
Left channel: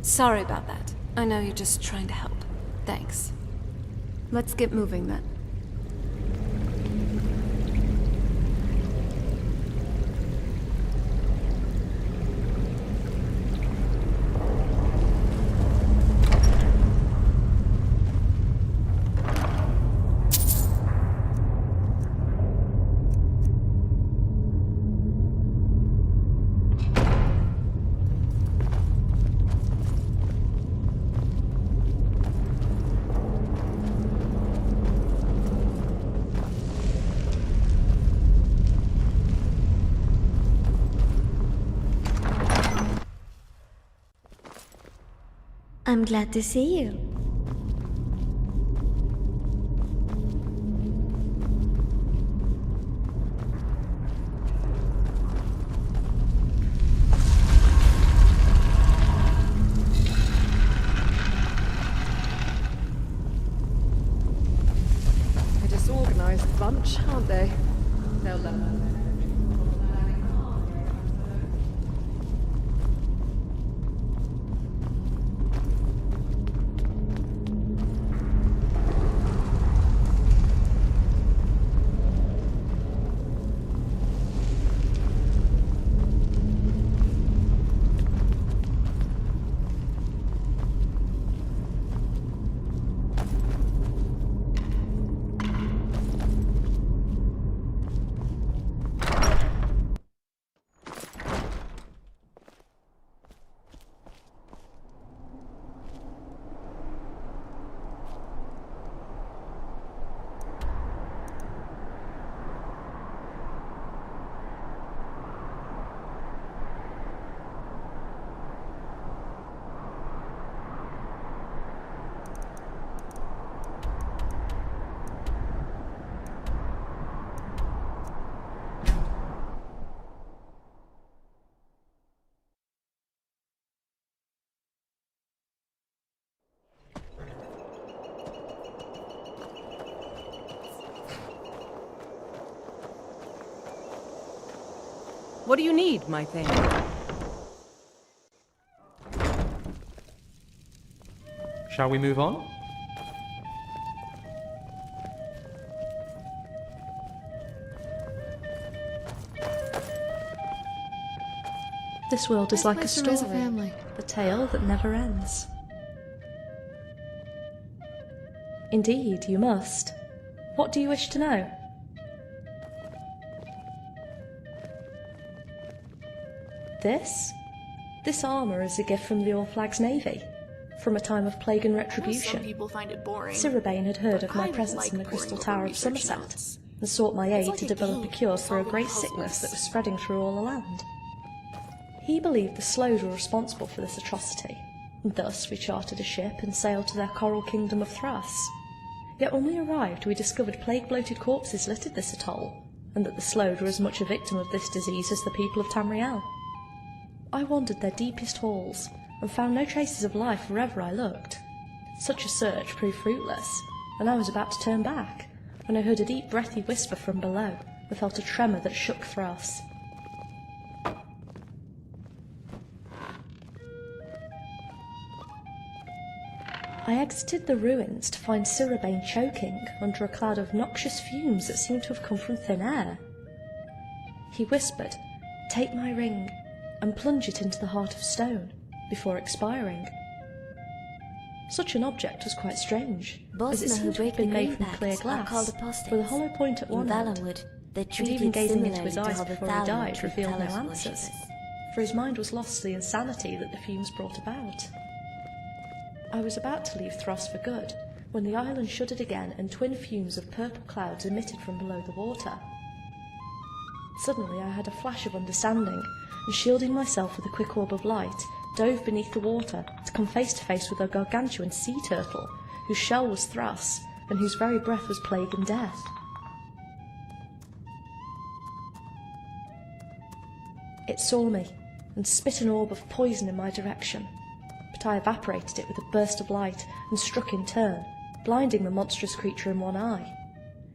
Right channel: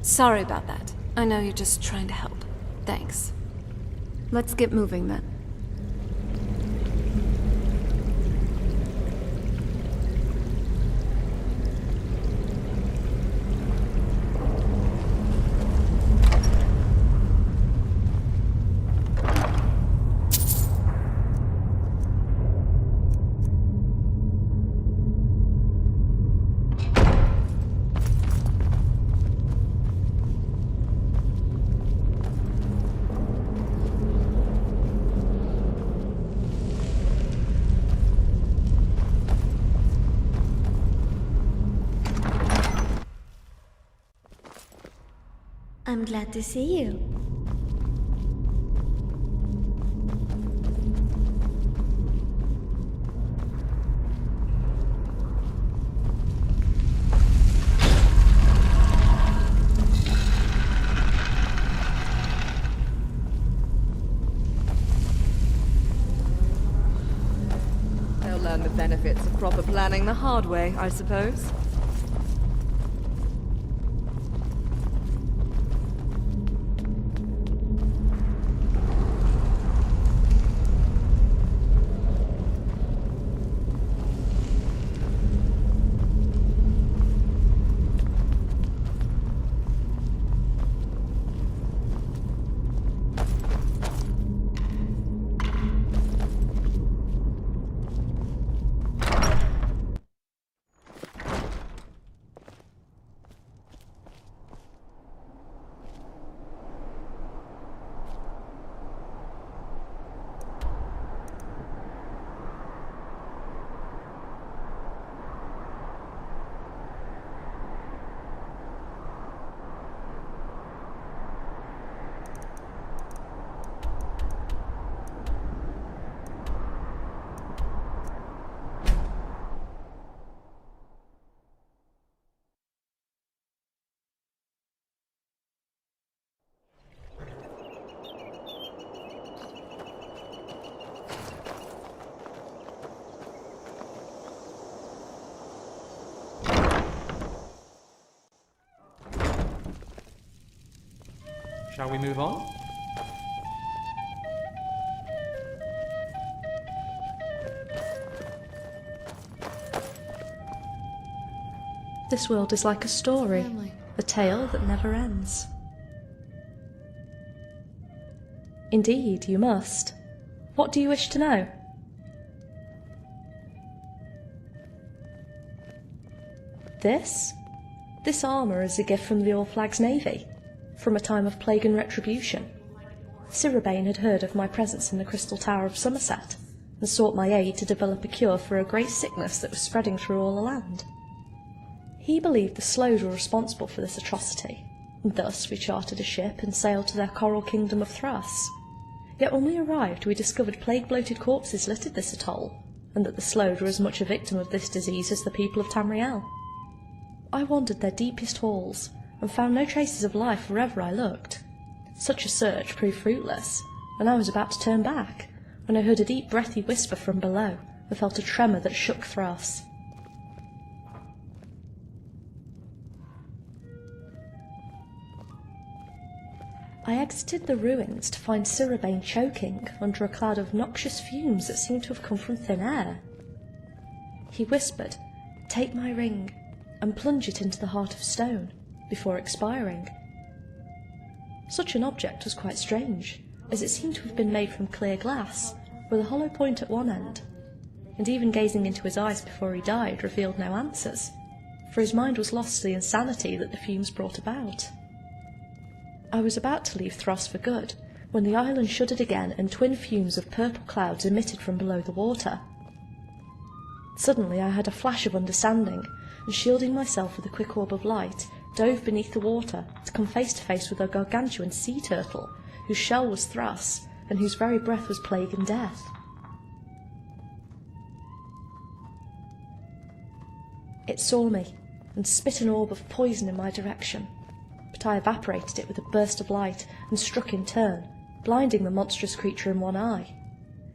Sorry about that. I know you're just trying to help. Thanks. Let's get moving then. I'm glad to see you. A disorganized bunch, aren't they? They'll learn the benefits of proper planning the hard way, I suppose. What do you need, my thing? Shall we move on? This world is like a Let's raise a story, family. a tale that never ends. Indeed, you must. What do you wish to know? This? This armour is a gift from the All-Flags Navy, from a time of plague and some retribution. people find it boring. Siribane had heard of my presence in the Crystal Tower of Somerset, and sought my aid to develop a cure for a great sickness that was spreading through all the land. He believed the Slows were responsible for this atrocity, Thus we chartered a ship and sailed to their coral kingdom of Thras. Yet when we arrived, we discovered plague-bloated corpses littered this atoll, and that the Slode were as much a victim of this disease as the people of Tamriel. I wandered their deepest halls, and found no traces of life wherever I looked. Such a search proved fruitless, and I was about to turn back, when I heard a deep breathy whisper from below, and felt a tremor that shook Thras. I exited the ruins to find Sirabane choking under a cloud of noxious fumes that seemed to have come from thin air. He whispered, "Take my ring, and plunge it into the heart of stone," before expiring. Such an object was quite strange, as it seemed to have been made from clear glass, with a hollow point at one end, and even gazing into his eyes before he died revealed no answers, for his mind was lost to the insanity that the fumes brought about. I was about to leave Thras for good, when the island shuddered again and twin fumes of purple clouds emitted from below the water. Suddenly I had a flash of understanding, and shielding myself with a quick orb of light, dove beneath the water to come face to face with a gargantuan sea turtle, whose shell was Thras, and whose very breath was plague and death. It saw me, and spit an orb of poison in my direction, but I evaporated it with a burst of light and struck in turn, blinding the monstrous creature in one eye.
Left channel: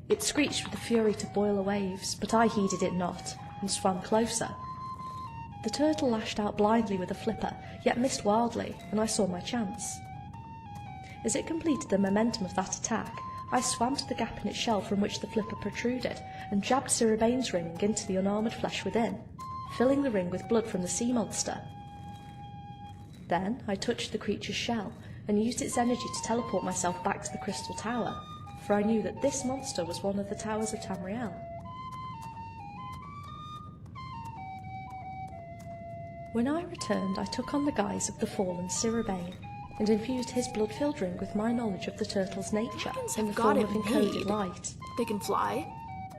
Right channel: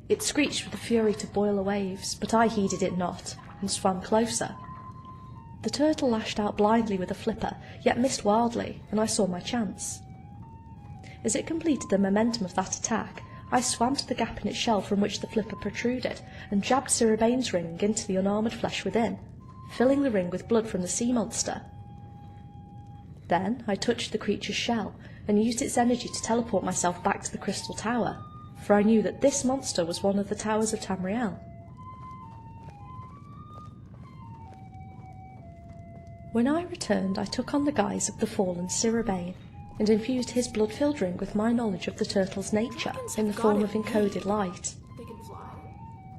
It screeched with the fury to boil the waves, but I heeded it not, and swam closer. The turtle lashed out blindly with a flipper, yet missed wildly, and I saw my chance. As it completed the momentum of that attack, I swam to the gap in its shell from which the flipper protruded, and jabbed Sirabane's ring into the unarmoured flesh within, filling the ring with blood from the sea monster. Then I touched the creature's shell, and used its energy to teleport myself back to the crystal tower, for I knew that this monster was one of the towers of Tamriel. When I returned, I took on the guise of the fallen Sirabane, and infused his blood-filled ring with my knowledge of the turtle's nature in the form of encoded light. They can fly.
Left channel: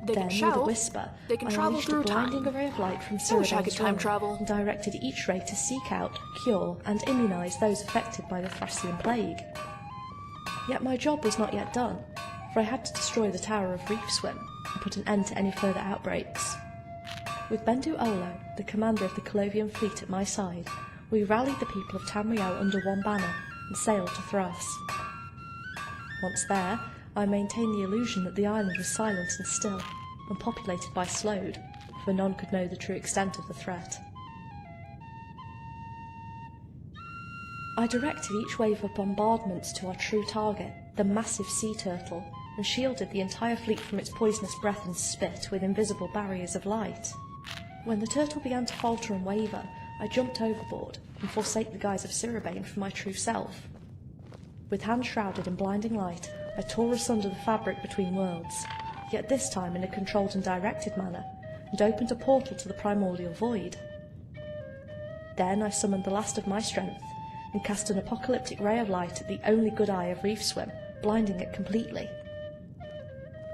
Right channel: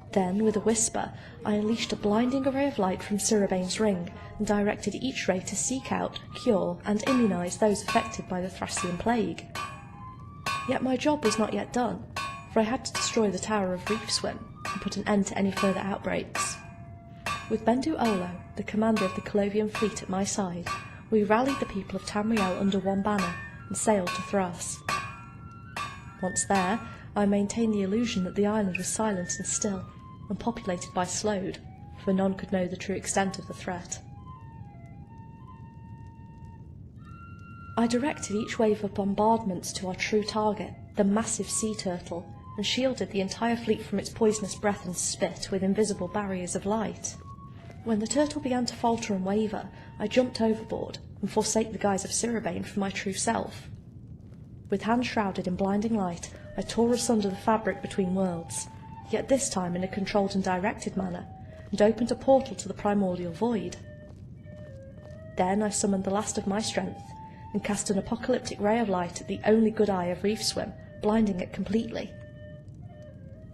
Then, with a whisper, I unleashed a blinding array of light from Sirabane's ring, and directed each ray to seek out, cure, and immunise those affected by the Thracian plague. Yet my job was not yet done, for I had to destroy the Tower of Reef Swim, and put an end to any further outbreaks. With Bendu Olo, the commander of the Colovian fleet at my side, we rallied the people of Tamriel under one banner, and sailed to Thras. Once there, I maintained the illusion that the island was silent and still, and populated by Slode, for none could know the true extent of the threat. I directed each wave of bombardments to our true target, the massive sea turtle, and shielded the entire fleet from its poisonous breath and spit with invisible barriers of light. When the turtle began to falter and waver, I jumped overboard and forsake the guise of Sirabane for my true self. With hands shrouded in blinding light, I tore asunder the fabric between worlds, yet this time in a controlled and directed manner, and opened a portal to the primordial void. Then I summoned the last of my strength, and cast an apocalyptic ray of light at the only good eye of Reef Swim, blinding it completely.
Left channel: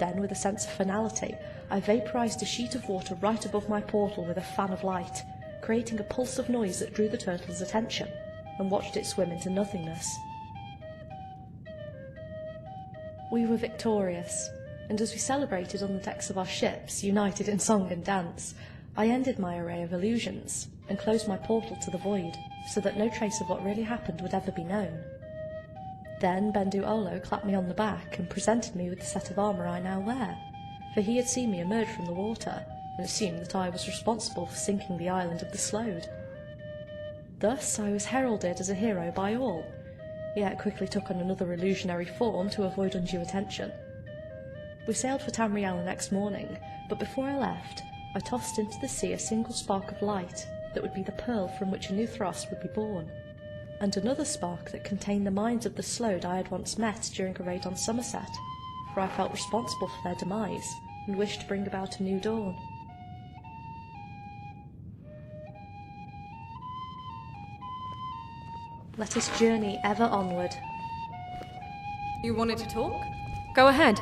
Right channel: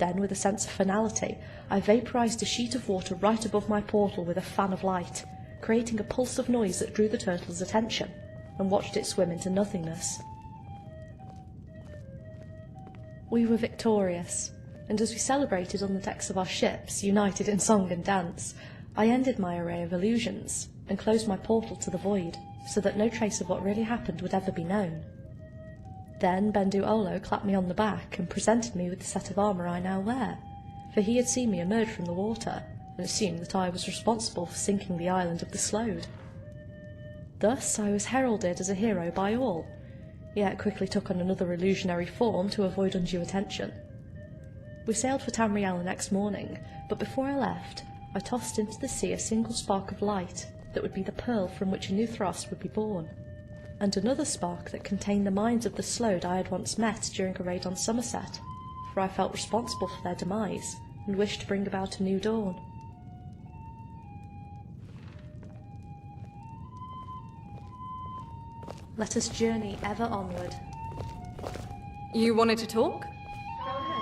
Then, with a sense of finality, I vaporized a sheet of water right above my portal with a fan of light, creating a pulse of noise that drew the turtle's attention, and watched it swim into nothingness. We were victorious, and as we celebrated on the decks of our ships, united in song and dance, I ended my array of illusions, and closed my portal to the void, so that no trace of what really happened would ever be known. Then Bendu Olo clapped me on the back and presented me with the set of armour I now wear, for he had seen me emerge from the water, and assumed that I was responsible for sinking the island of the Slode. Thus I was heralded as a hero by all, yet quickly took on another illusionary form to avoid undue attention. We sailed for Tamriel the next morning, but before I left, I tossed into the sea a single spark of light that would be the pearl from which a new Thras would be born, and another spark that contained the minds of the Slode I had once met during a raid on Somerset, for I felt responsible for their demise, and wished to bring about a new dawn. Let us journey ever onward. You wanted to talk? Go ahead.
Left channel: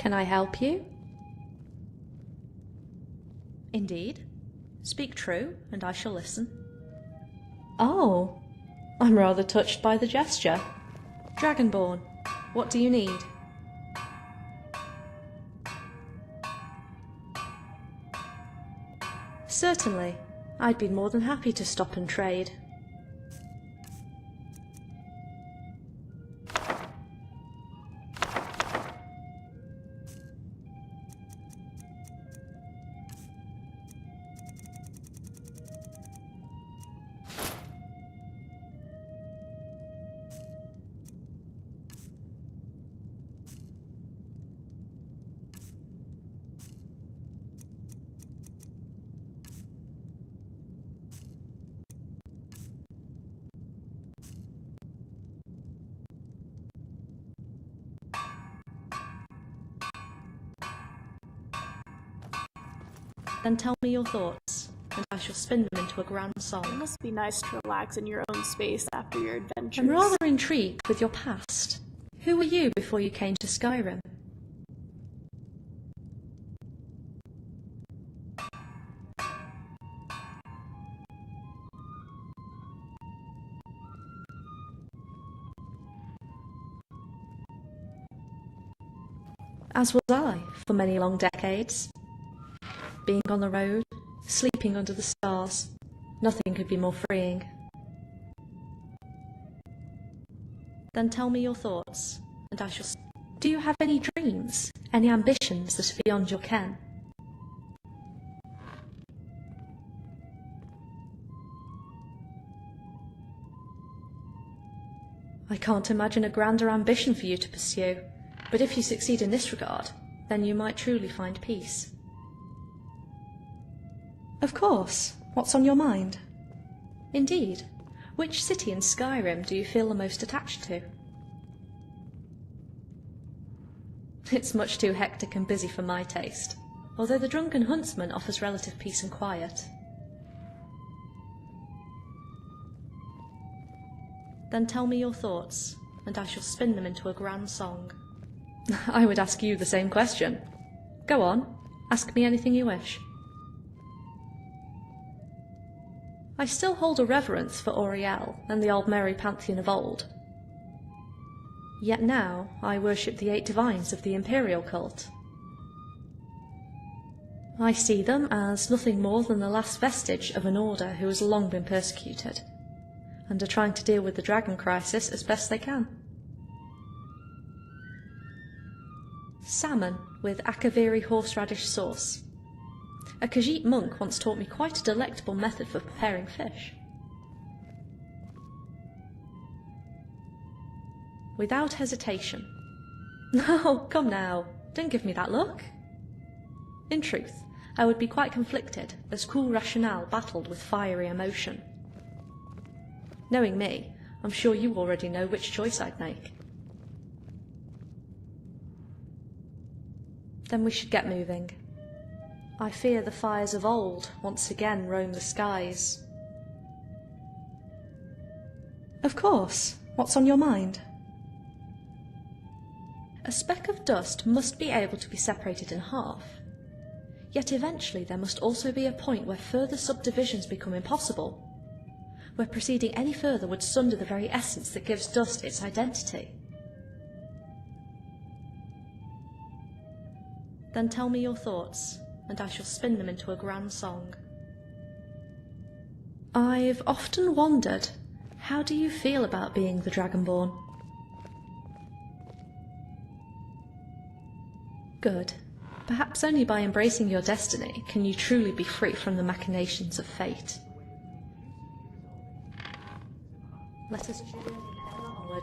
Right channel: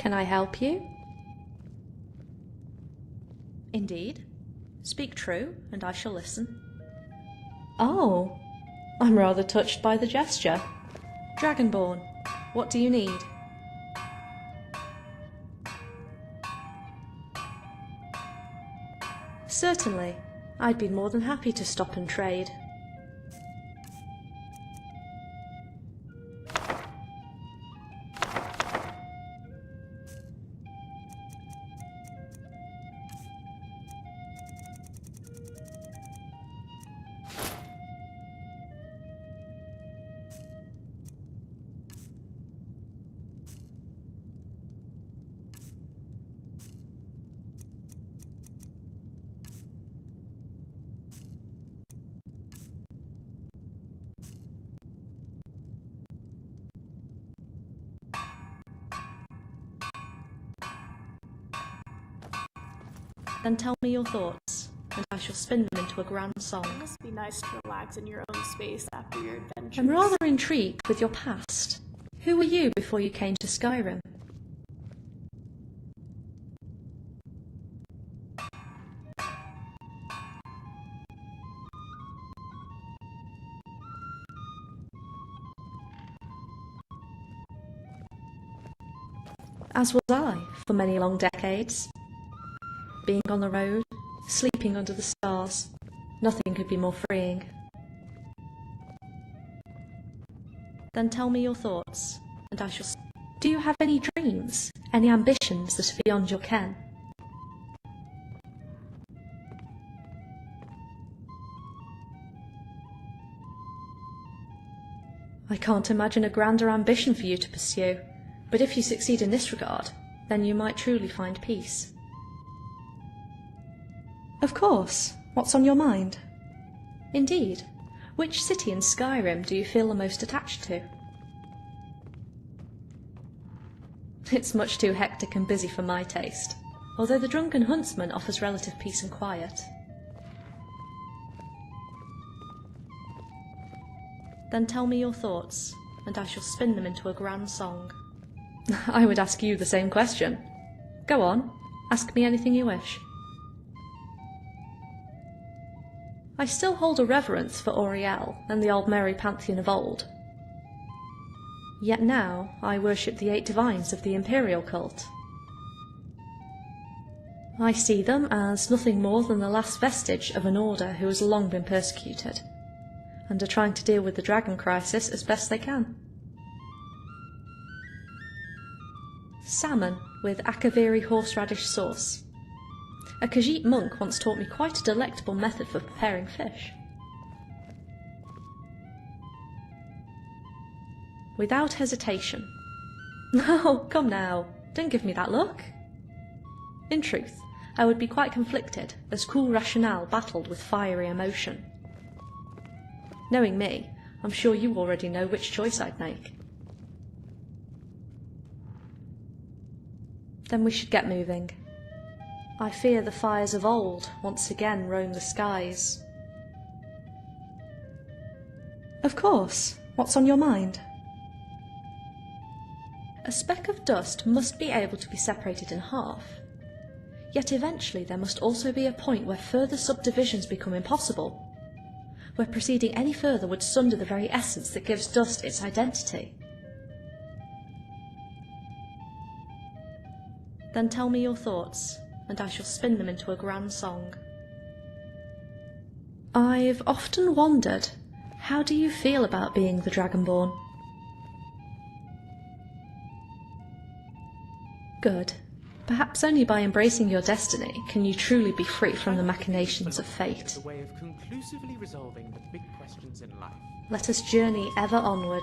Can I help you? Indeed. Speak true, and I shall listen. Oh, I'm rather touched by the gesture. Dragonborn, what do you need? Certainly. I'd be more than happy to stop and trade. Then tell me your thoughts, and I shall spin them into a grand It song. must be nice to relax in your own space after your adventures. I'm rather intrigued with your past. Who were you before you came to Skyrim? As was I, for many long decades. Being on the road, sleeping under the stars, nothing could be more freeing. Then tell me your thoughts, and I shall... Do you have any dreams, any ambitions that are beyond your ken? I can't imagine a grander ambition for you to pursue, but if you succeed in this regard, then you might truly find peace. Of course. What's on your mind? Indeed. Which city in Skyrim do you feel the most attached to? It's much too hectic and busy for my taste, although the Drunken Huntsman offers relative peace and quiet. Then tell me your thoughts, and I shall spin them into a grand song. I would ask you the same question. Go on, ask me anything you wish. I still hold a reverence for Auriel and the Aldmeri pantheon of old. Yet now I worship the 8 divines of the Imperial cult. I see them as nothing more than the last vestige of an order who has long been persecuted, and are trying to deal with the dragon crisis as best they can. Salmon with Akaviri horseradish sauce. A Khajiit monk once taught me quite a delectable method for preparing fish. Without hesitation. No, come now, don't give me that look. In truth, I would be quite conflicted, as cool rationale battled with fiery emotion. Knowing me, I'm sure you already know which choice I'd make. Then we should get moving. I fear the fires of old once again roam the skies. Of course. What's on your mind? A speck of dust must be able to be separated in half. Yet eventually there must also be a point where further subdivisions become impossible, where proceeding any further would sunder the very essence that gives dust its identity. Then tell me your thoughts, and I shall spin them into a grand song. I've often wondered, how do you feel about being the Dragonborn? Good. Perhaps only by embracing your destiny can you truly be free from the machinations of fate. Let us journey ever onward.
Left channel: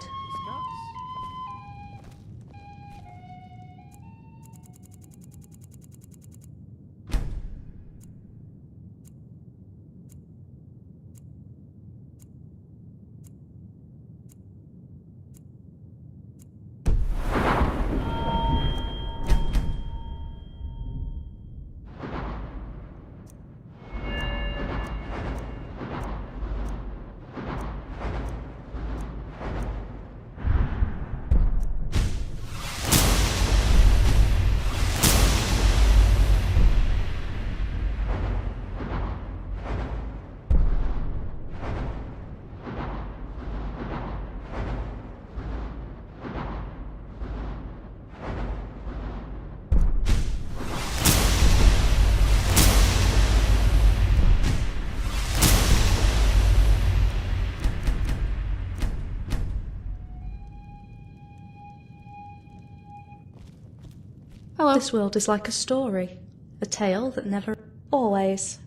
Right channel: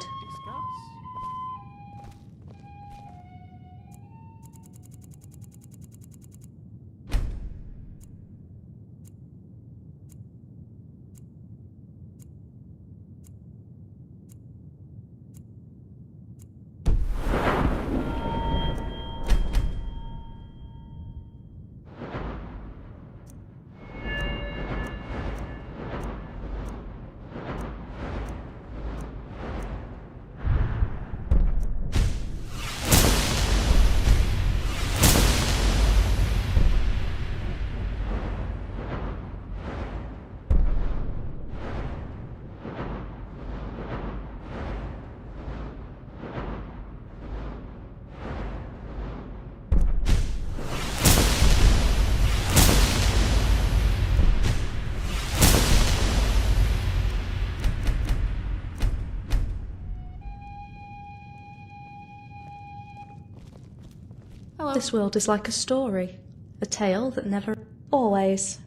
Hello. This world is like a story, a tale that never... Always.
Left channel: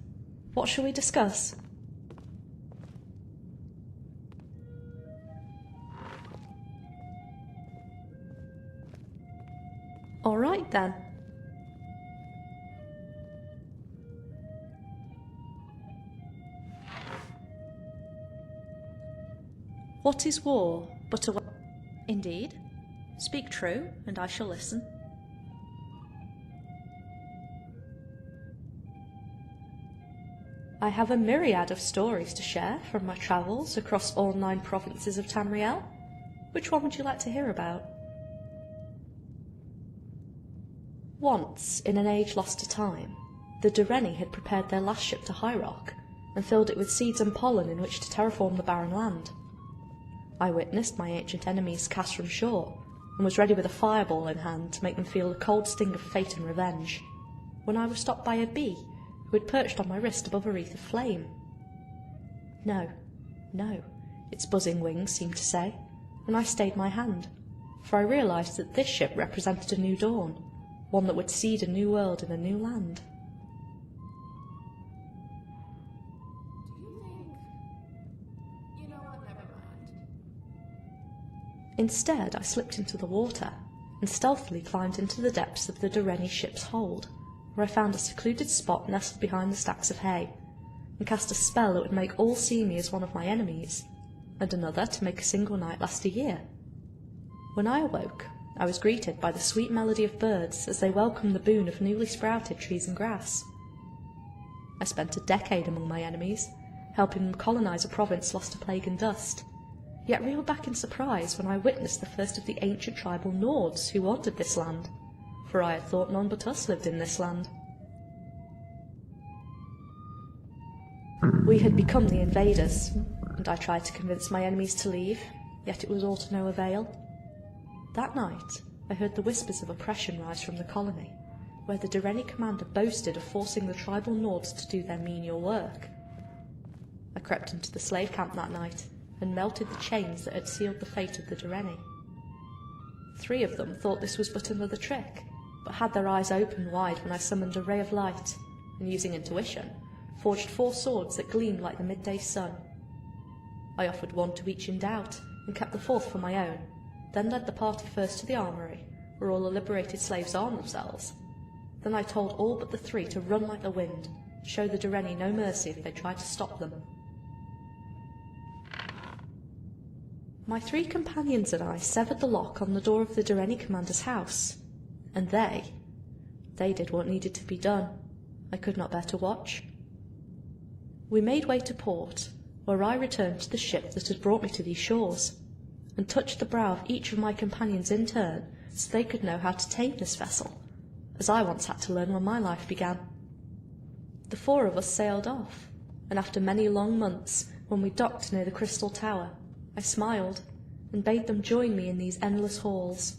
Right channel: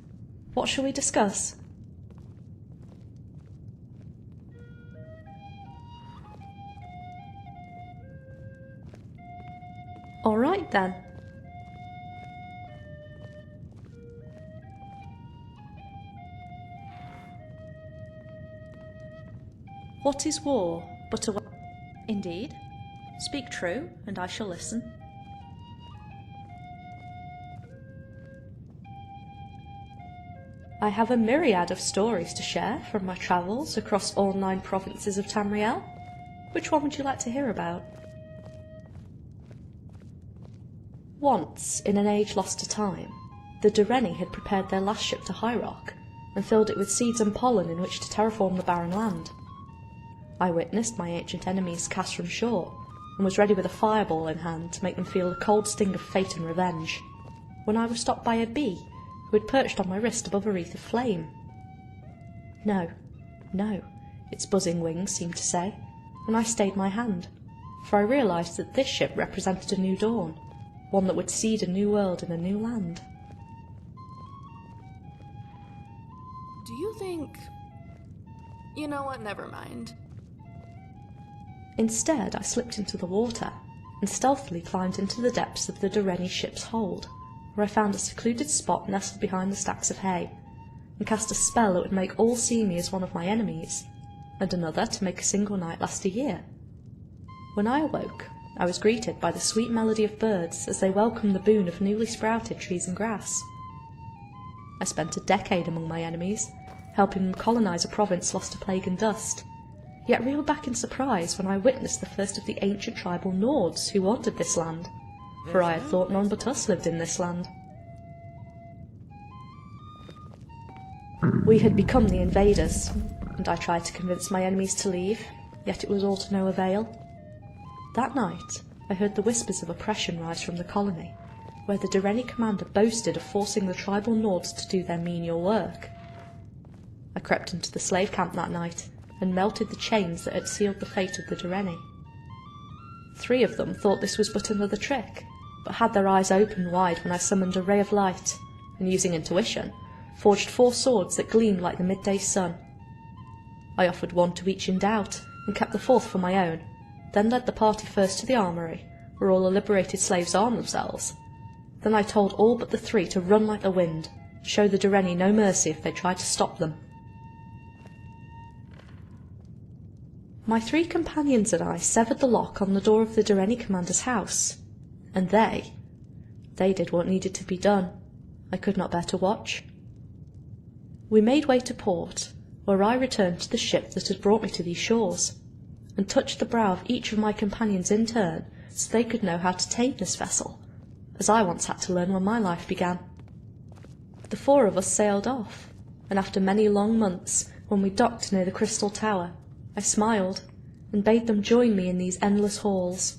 What shall we discuss? All right then. What is war but a... Indeed. Speak true, and I shall listen. I have a myriad of stories to share from my travels across all 9 provinces of Tamriel. Which one would you like to hear about? Once, in an age lost to time, the Dureni had prepared their last ship to High Rock and filled it with seeds and pollen in which to terraform the barren land. I witnessed my ancient enemies cast from shore and was ready with a fireball in hand to make them feel the cold sting of fate and revenge, when I was stopped by a bee who had perched on my wrist above a wreath of flame. No, no, its buzzing wings seemed to say, and I stayed my hand, for I realised that this ship represented a new dawn, one that would seed a new world in a new land. Do you think... You know what, never mind. Instead, I slipped into the water and stealthily climbed into the depths of the Dureni ship's hold, where I found a secluded spot nestled behind the stacks of hay, and cast a spell that would make all see me as one of my enemies, and another to make a single night last a year. When I awoke, I was greeted by the sweet melody of birds as they welcomed the boon of newly sprouted trees and grass. I spent a decade among my enemies, helping them colonise a province lost to plague and dust, yet reeled back in surprise when I witnessed the first of the ancient tribal Nords who wandered this land, for I had thought none but us lived in this land. We had become the invaders, and I tried to convince my enemies to leave, yet it was all to no avail. That night, I heard the whispers of oppression rise from the colony, where the Dureni commander boasted of forcing the tribal Nords to do their menial work. I crept into the slave camp that night, and melted the chains that had sealed the fate of the Dureni. 3 of them thought this was but another trick, but had their eyes open wide when I summoned a ray of light, and using intuition, forged 4 swords that gleamed like the midday sun. I offered 1 to each in doubt, and kept the 4th for my own, then led the party first to the armoury, where all the liberated slaves armed themselves. Then I told all but the 3 to run like the wind, show the Dureni no mercy if they tried to stop them. My 3 companions and I severed the lock on the door of the Dureni commander's house, and they did what needed to be done. I could not bear to watch. We made way to port, where I returned to the ship that had brought me to these shores, and touched the brow of each of my companions in turn so they could know how to tame this vessel, as I once had to learn when my life began. The 4 of us sailed off, and after many long months, when we docked near the Crystal Tower, I smiled, and bade them join me in these endless halls.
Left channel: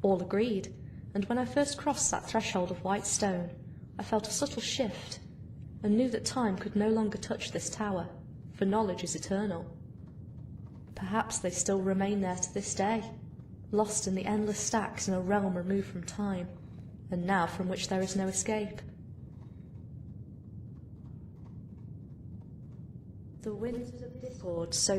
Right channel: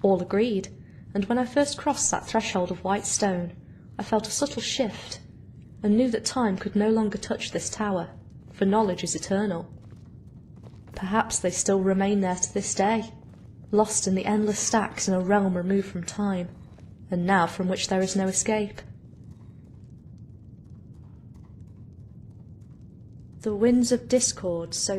All agreed, and when I first crossed that threshold of white stone, I felt a subtle shift, and knew that time could no longer touch this tower, for knowledge is eternal. Perhaps they still remain there to this day, lost in the endless stacks in a realm removed from time, and now from which there is no escape. The winds of discord sow